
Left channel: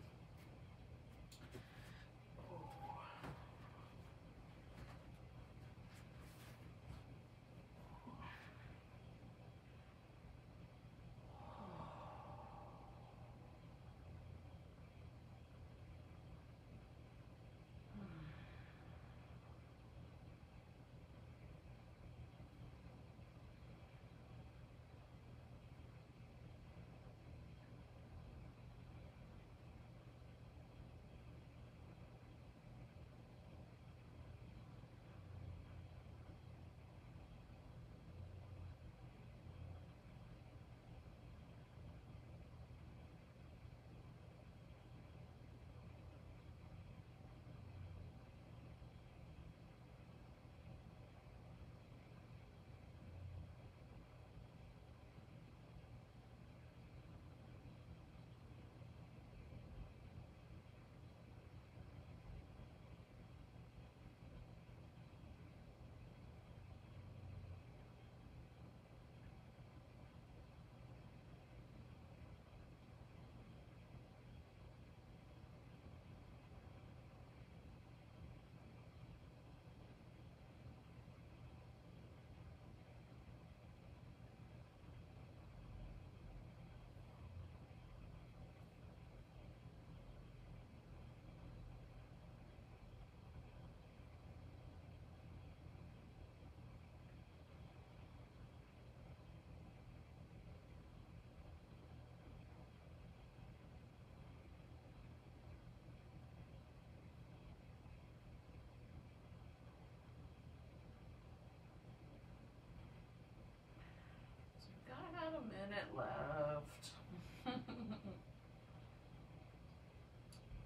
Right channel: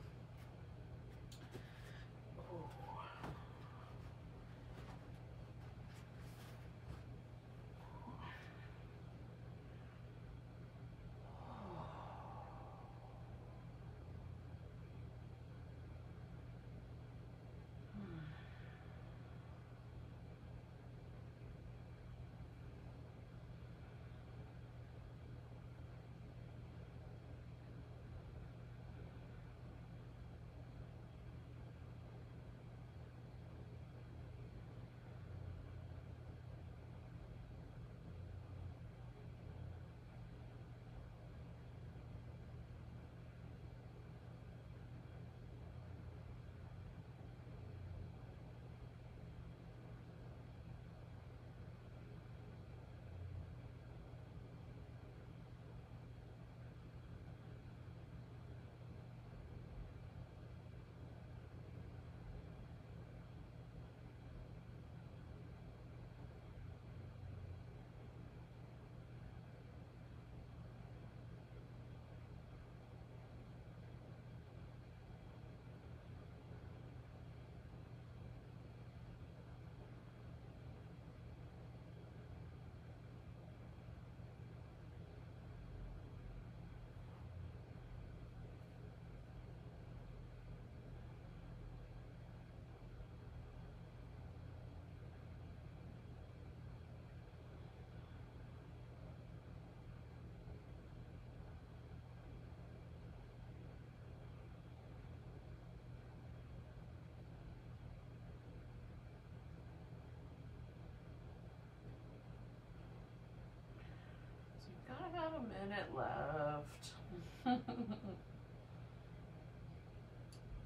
Got about a minute left.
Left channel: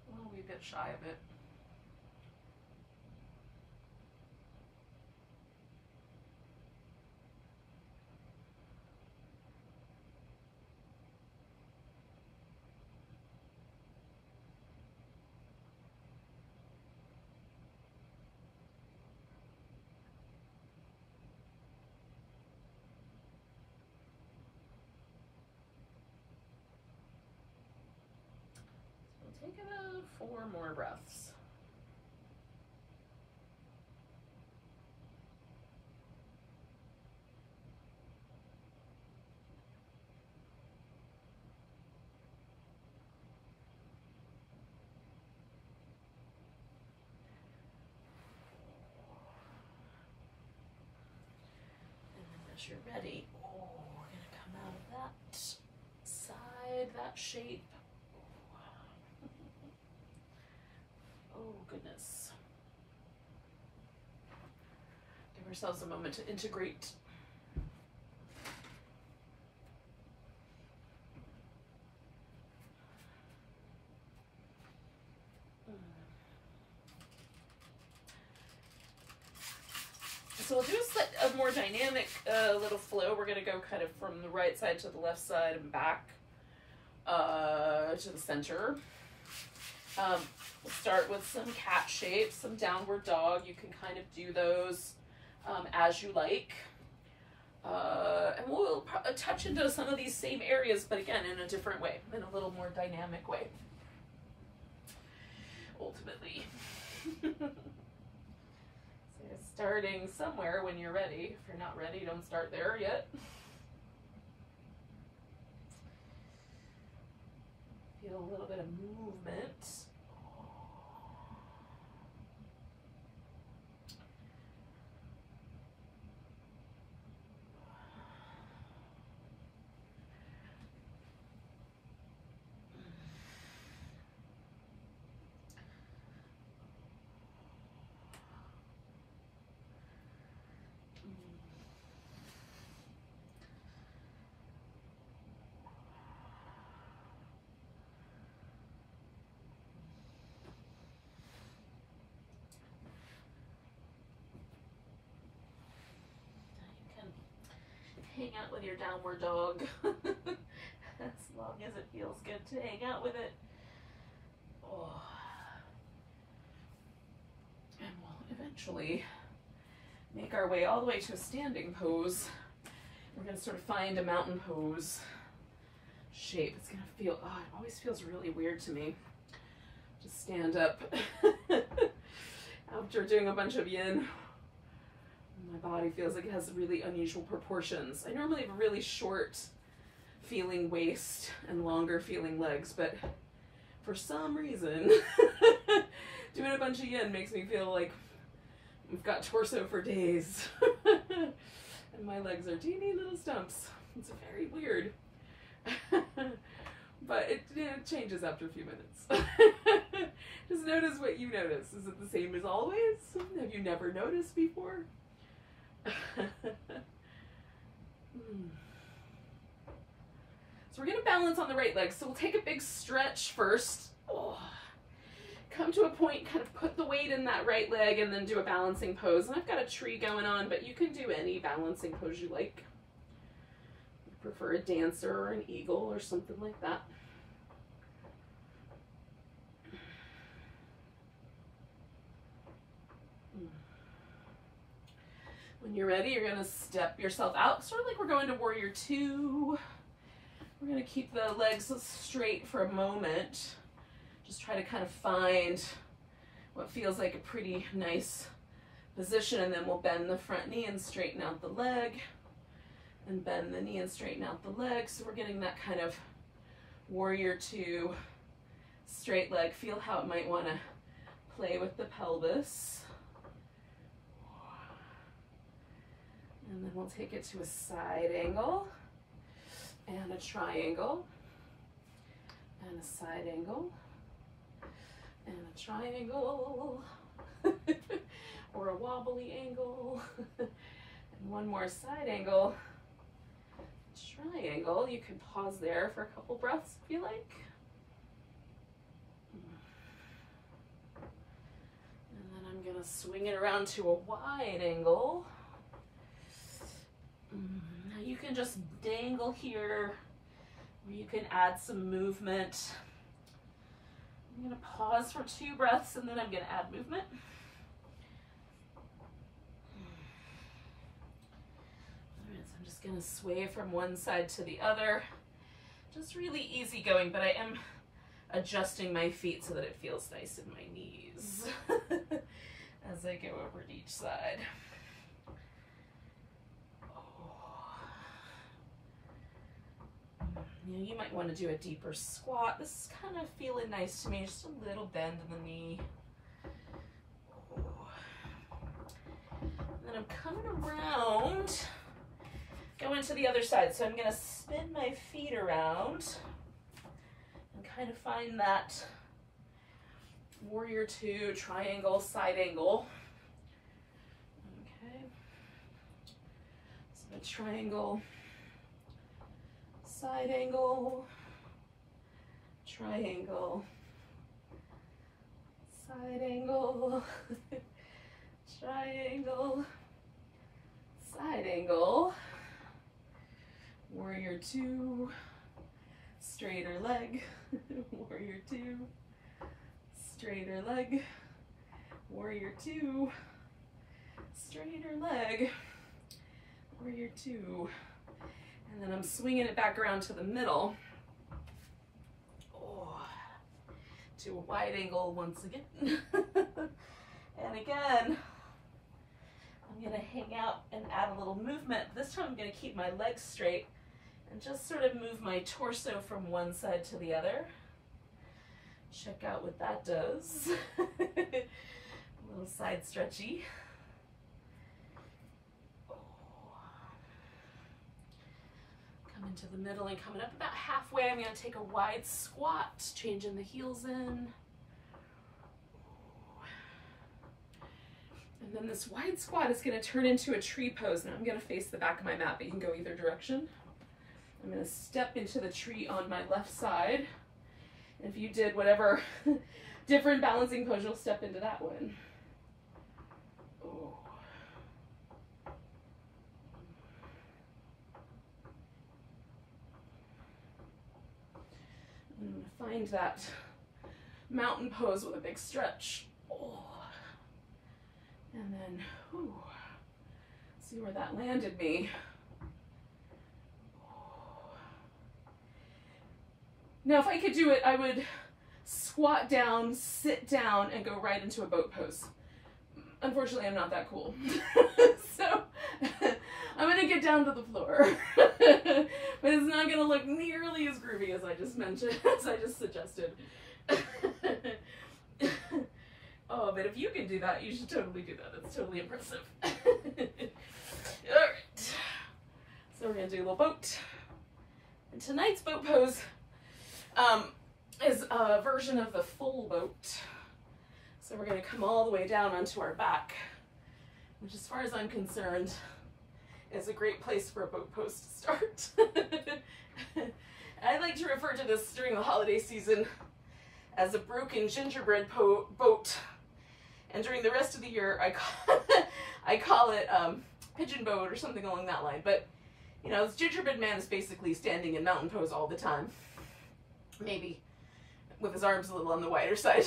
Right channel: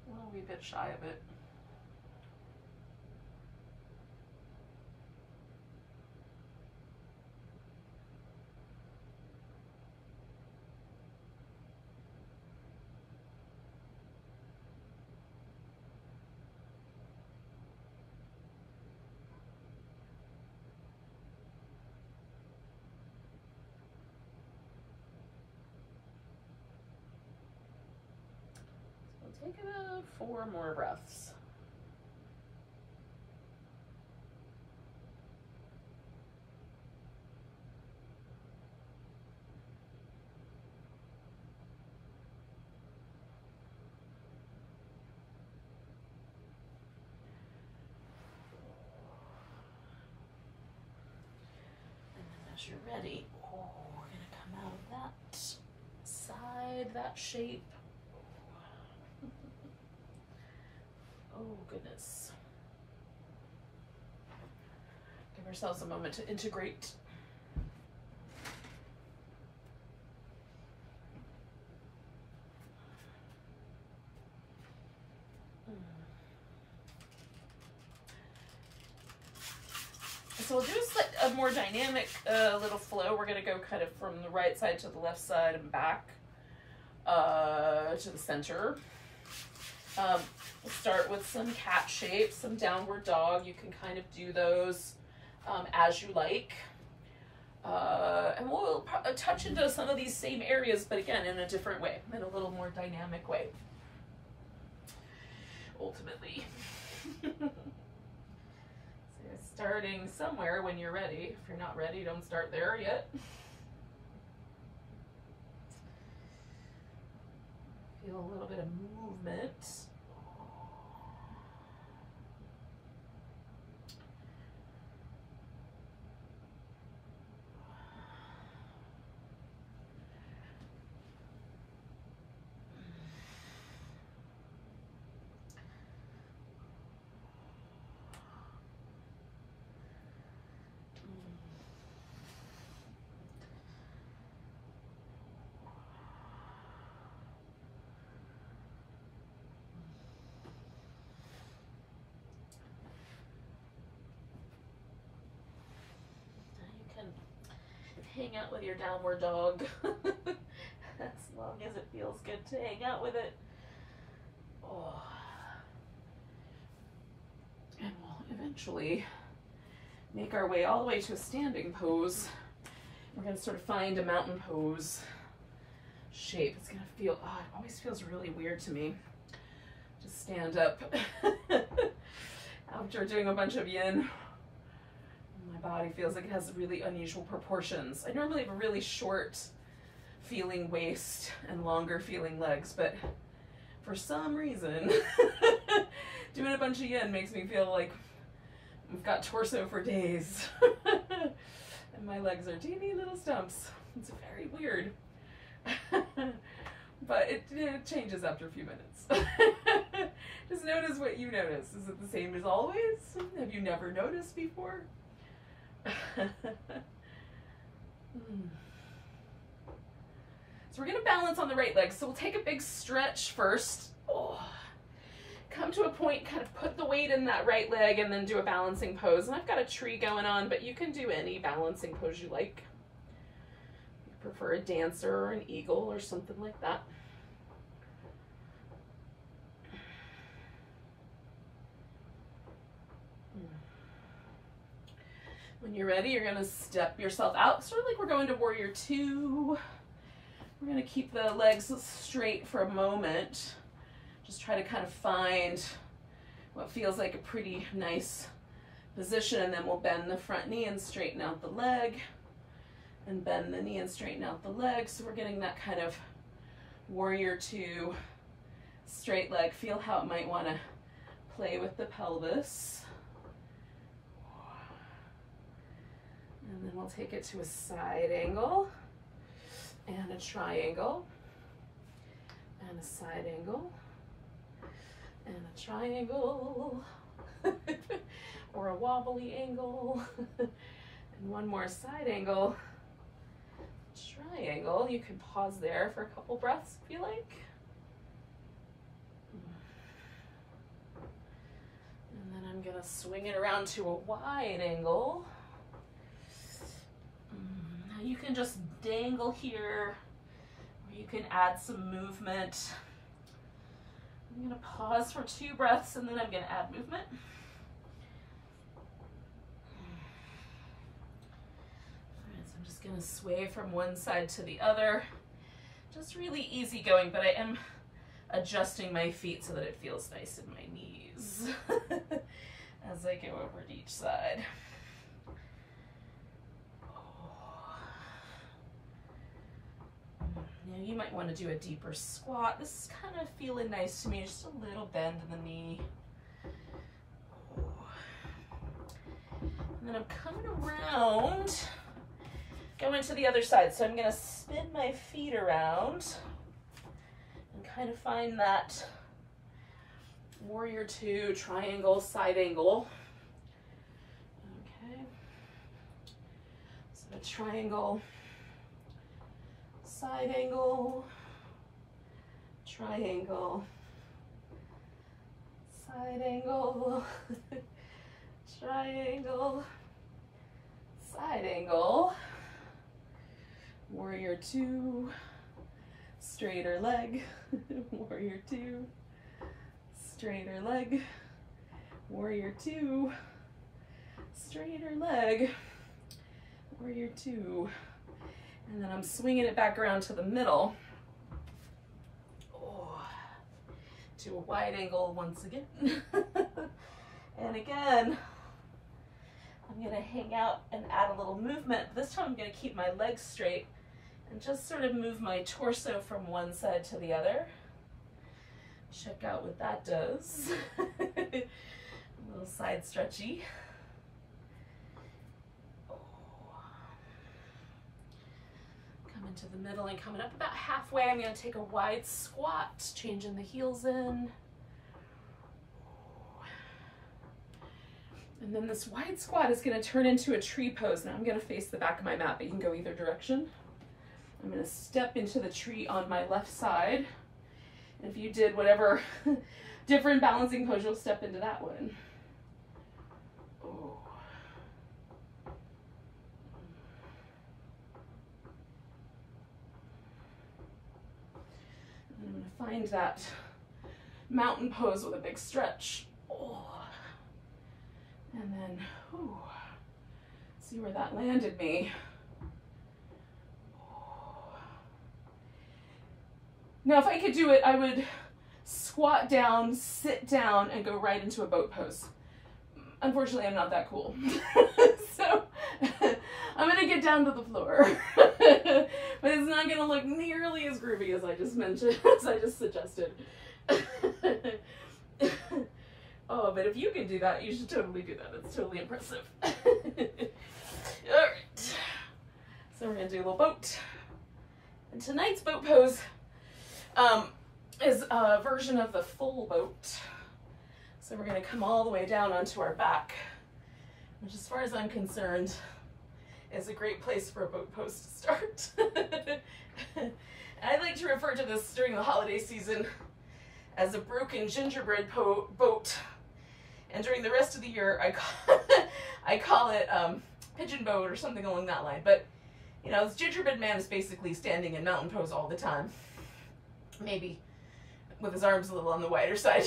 We'll be a bit shy of it. Take 4 more breaths. And then as you're ready, we're gonna come out of that side, that shape. Oh, goodness. Give ourselves a moment to integrate. So we'll do a more dynamic little flow. We're going to go kind of from the right side to the left side and back to the center. We'll start with some cat shapes, some downward dog. You can kind of do those as you like. And we'll touch into some of these same areas, but again, in a different way, in a little more dynamic way, ultimately. So you're starting somewhere when you're ready. If you're not ready, don't start there yet. Feel a little bit of movement. Hang out with your downward dog as long as it feels good to hang out with it. Oh. And we'll eventually make our way all the way to a standing pose. We're going to sort of find a mountain pose shape. It's going to feel, oh, it always feels really weird to me to stand up after doing a bunch of yin. My body feels like it has really unusual proportions. I normally have a really short feeling waist and longer feeling legs, but for some reason, doing a bunch of yin makes me feel like I've got torso for days. And my legs are teeny little stumps. It's very weird. But it changes after a few minutes. Just notice what you notice. Is it the same as always? Have you never noticed before? So we're going to balance on the right leg. So we'll take a big stretch first. Oh. Come to a point, kind of put the weight in that right leg and then do a balancing pose. And I've got a tree going on, but you can do any balancing pose you like. You prefer a dancer or an eagle or something like that. When you're ready, you're going to step yourself out, sort of like we're going to Warrior Two. We're going to keep the legs straight for a moment. Just try to kind of find what feels like a pretty nice position, and then we'll bend the front knee and straighten out the leg, and bend the knee and straighten out the leg. So we're getting that kind of Warrior Two straight leg. Feel how it might want to play with the pelvis. And then we'll take it to a side angle and a triangle and a side angle and a triangle or a wobbly angle and one more side angle, triangle. You can pause there for a couple breaths if you like. And then I'm going to swing it around to a wide angle. Now you can just dangle here, or you can add some movement. I'm going to pause for 2 breaths and then I'm going to add movement. All right, so I'm just going to sway from one side to the other. Just really easy going, but I am adjusting my feet so that it feels nice in my knees as I go over to each side. You might want to do a deeper squat. This is kind of feeling nice to me. Just a little bend in the knee. And then I'm coming around, going to the other side. So I'm going to spin my feet around and kind of find that Warrior Two triangle side angle. Okay. So the triangle, side angle, triangle, side angle, triangle, Side angle, warrior two, straighter leg, warrior two, straighter leg, warrior two, straighter leg, warrior two, and then I'm swinging it back around to the middle. Oh, to a wide angle once again. And again, I'm gonna hang out and add a little movement. This time I'm gonna keep my legs straight and just sort of move my torso from one side to the other. Check out what that does. A little side stretchy. Coming to the middle and coming up about halfway, I'm gonna take a wide squat, changing the heels in. And then this wide squat is going to turn into a tree pose. Now I'm going to face the back of my mat, but you can go either direction. I'm going to step into the tree on my left side. If you did whatever different balancing pose, you'll step into that one. Oh. And I'm going to find that mountain pose with a big stretch. Oh. And then, whew, see where that landed me. Now, if I could do it, I would squat down, sit down, and go right into a boat pose. Unfortunately, I'm not that cool. So, I'm gonna get down to the floor. But it's not gonna look nearly as groovy as I just mentioned, as I just suggested. Oh, but if you can do that, you should totally do that. It's totally impressive. All right. So we're gonna do a little boat. And tonight's boat pose is a version of the full boat. So we're gonna come all the way down onto our back, which as far as I'm concerned, is a great place for a boat pose to start. I like to refer to this during the holiday season as a broken gingerbread boat. And during the rest of the year, I call it pigeon boat or something along that line. But, you know, this gingerbread man is basically standing in mountain pose all the time. Maybe with his arms a little on the wider side.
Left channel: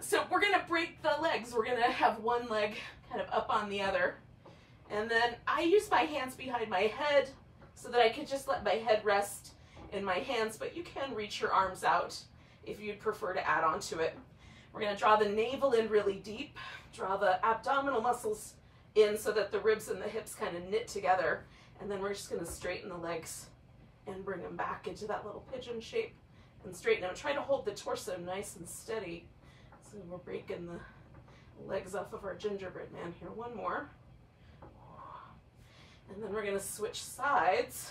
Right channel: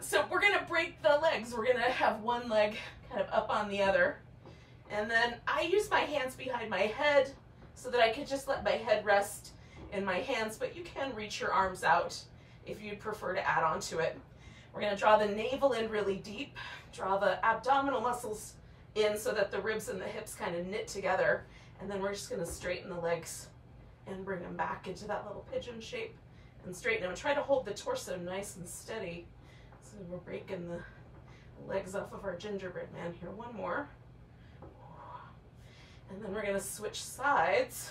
So we're going to break the legs. We're going to have one leg kind of up on the other. And then I use my hands behind my head so that I can just let my head rest in my hands. But you can reach your arms out if you'd prefer to add on to it. We're going to draw the navel in really deep, draw the abdominal muscles in so that the ribs and the hips kind of knit together, and then we're just going to straighten the legs and bring them back into that little pigeon shape and straighten them. Try to hold the torso nice and steady. So we're breaking the legs off of our gingerbread man here. One more. And then we're going to switch sides,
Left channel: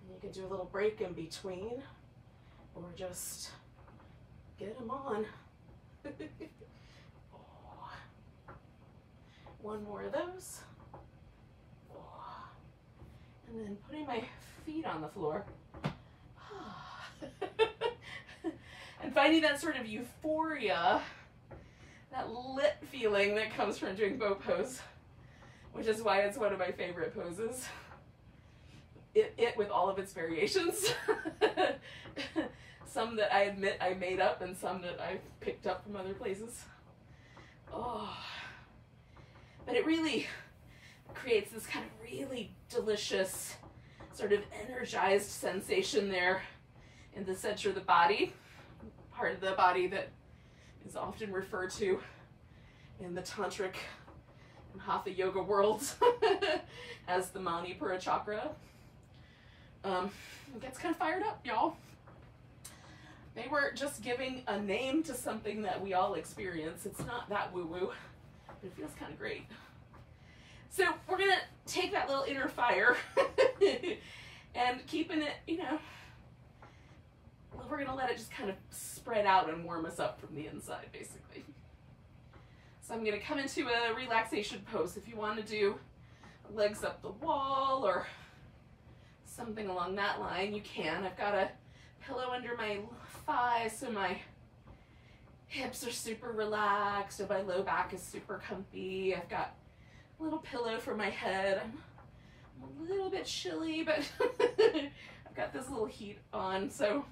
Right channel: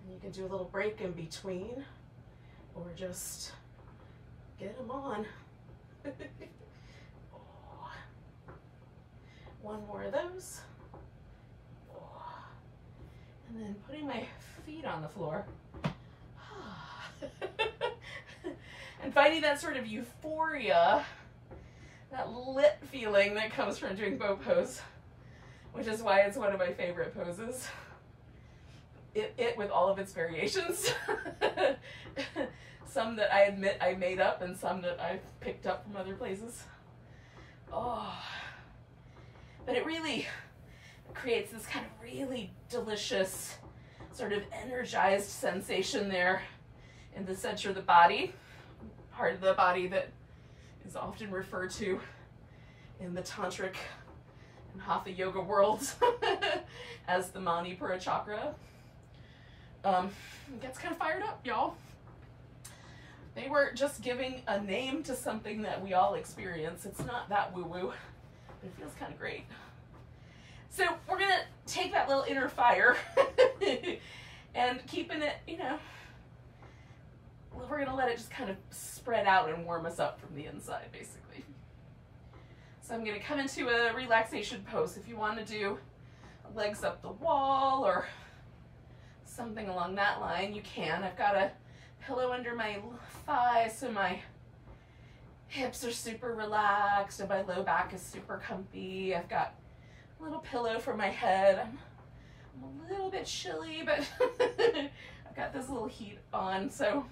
and you can do a little break in between or just get them on. Oh. One more of those. Oh. And then putting my feet on the floor. And finding that sort of euphoria, that lit feeling that comes from doing boat pose, which is why it's one of my favorite poses. It with all of its variations. Some that I admit I made up and some that I picked up from other places. Oh, but it really creates this kind of really delicious, sort of energized sensation there in the center of the body, part of the body that is often referred to in the tantric and hatha yoga worlds as the Manipura Chakra. It gets kind of fired up, y'all. They were just giving a name to something that we all experience. It's not that woo-woo, but it feels kind of great. So we're gonna take that little inner fire and keeping it, you know, we're gonna let it just kind of spread out and warm us up from the inside, basically. So I'm gonna come into a relaxation pose. If you want to do legs up the wall or something along that line, you can. I've got a pillow under my thighs so my hips are super relaxed and my low back is super comfy. I've got A little pillow for my head. I'm a little bit chilly, but I've got this little heat on, so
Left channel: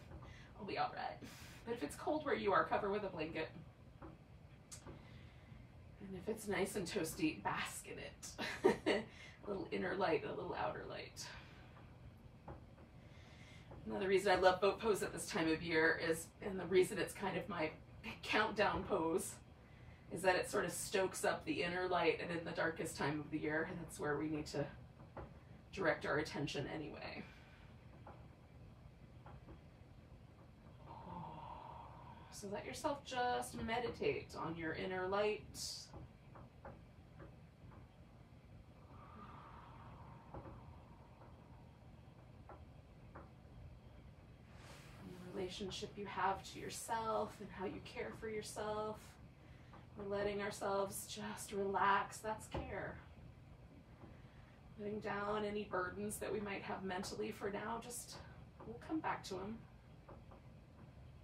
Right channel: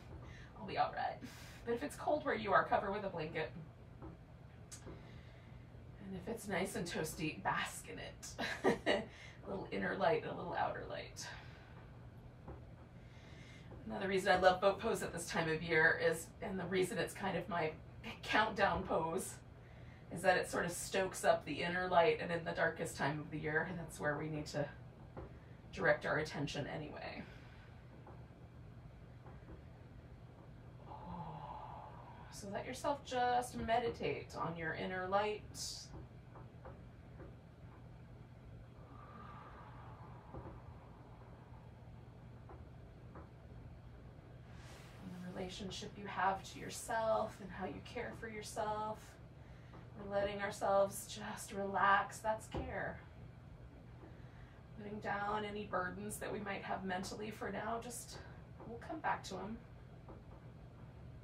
I'll be all right. But if it's cold where you are, cover with a blanket. And if it's nice and toasty, bask in it. A little inner light, a little outer light. Another reason I love boat pose at this time of year is, and the reason it's kind of my countdown pose, is that it sort of stokes up the inner light, and in the darkest time of the year, that's where we need to direct our attention anyway. So let yourself just meditate on your inner light. And the relationship you have to yourself and how you care for yourself. We're letting ourselves just relax. That's care. Letting down any burdens that we might have mentally for now. Just, we'll come back to them.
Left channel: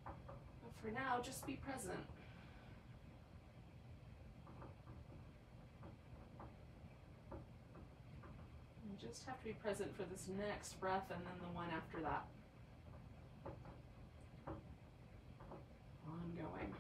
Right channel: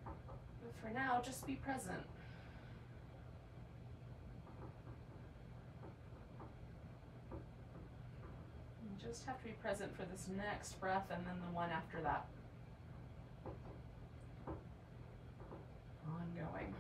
But for now, just be present. You just have to be present for this next breath and then the one after that. Ongoing.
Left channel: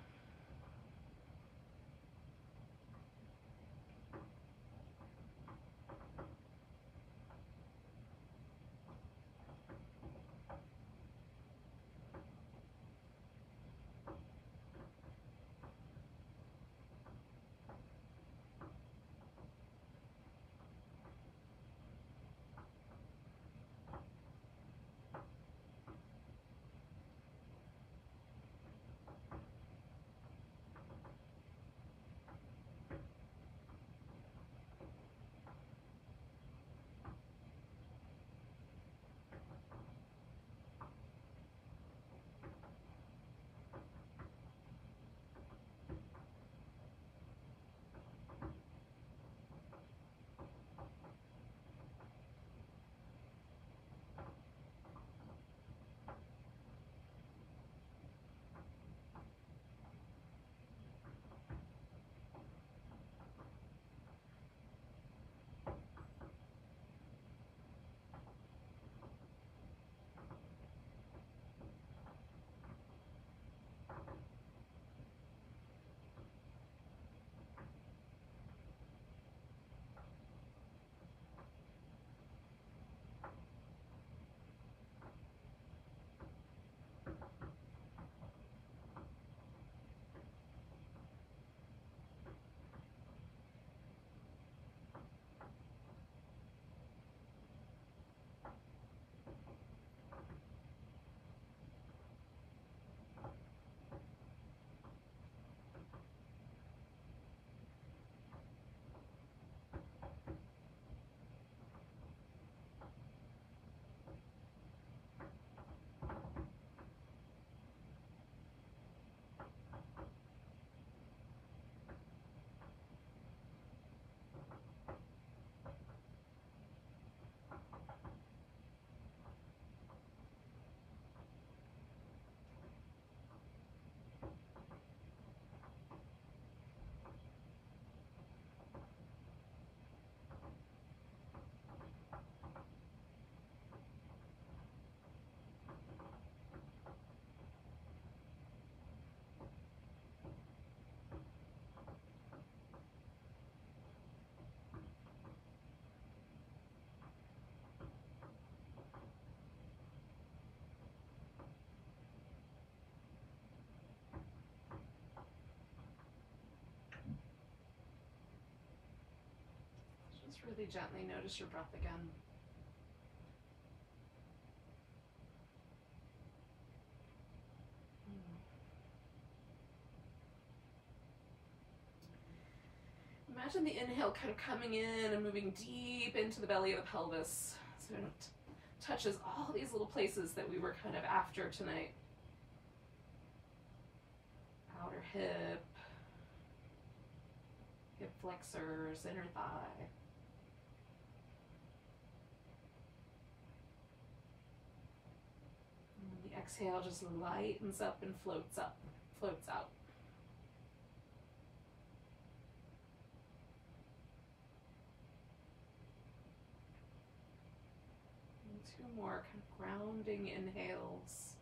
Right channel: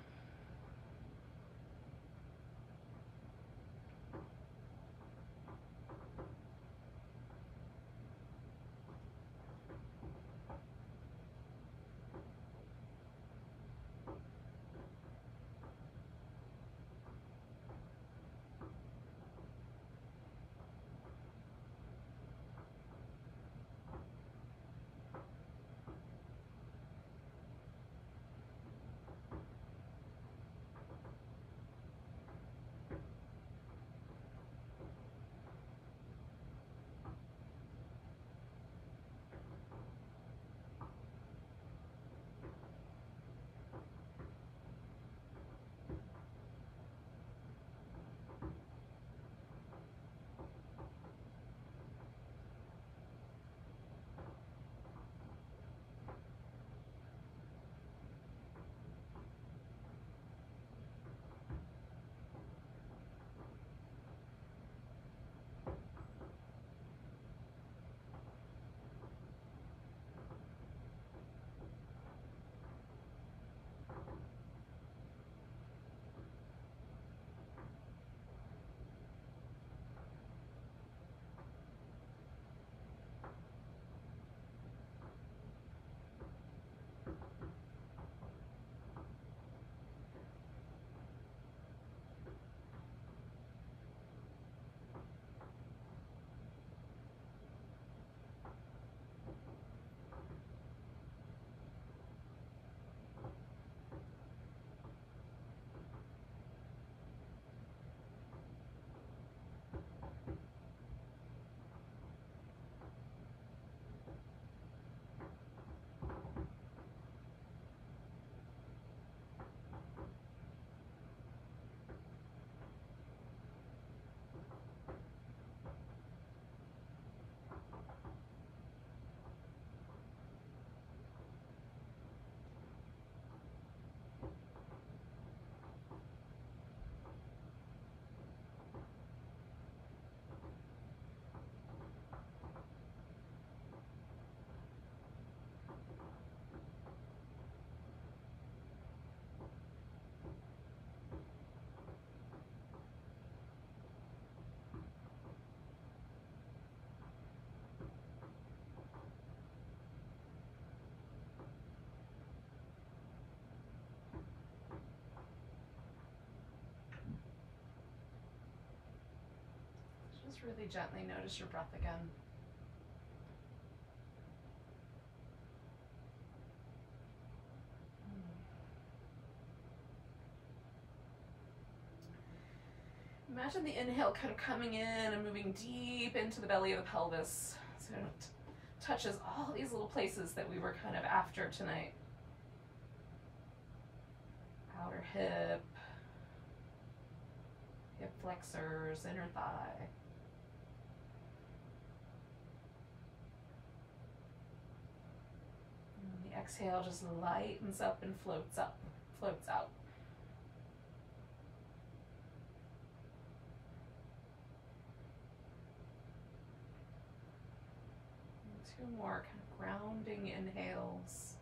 Really gently notice your breath again. Imagine the inhale kind of coming in and moving deep into the belly of the pelvis, so it touches all these little places that we were kind of after tonight. Outer hip, hip flexors, inner thigh. Exhale just lightens up and floats up, floats out. more kind of grounding inhales.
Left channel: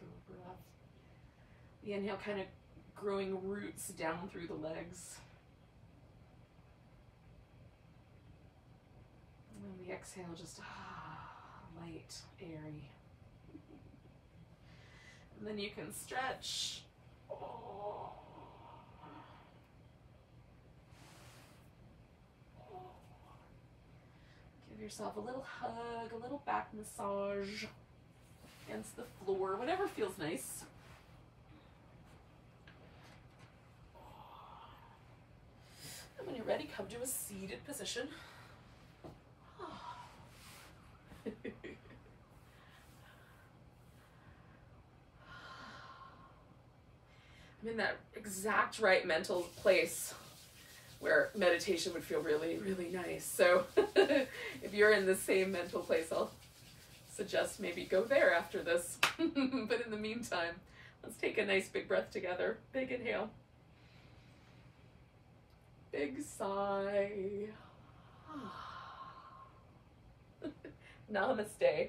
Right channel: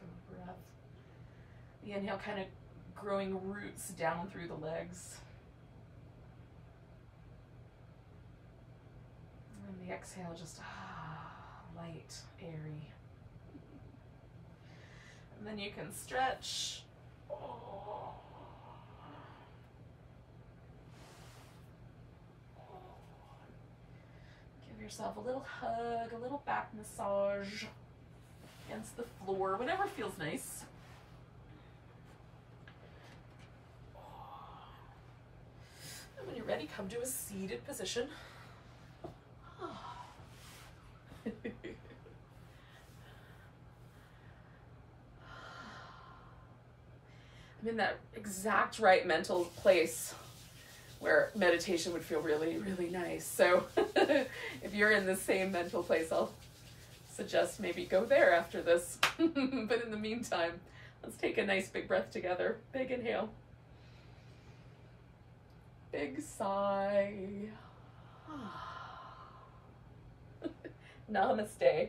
The breath. The inhale kind of growing roots down through the legs. And the exhale just light, airy. And then you can stretch. Give yourself a little hug, a little back massage against the floor, whatever feels nice. And when you're ready, come to a seated position. I'm in that exact right mental place where meditation would feel really, really nice. So if you're in the same mental place, I'll suggest maybe go there after this. But in the meantime, let's take a nice big breath together. Big inhale. Big sigh. Namaste.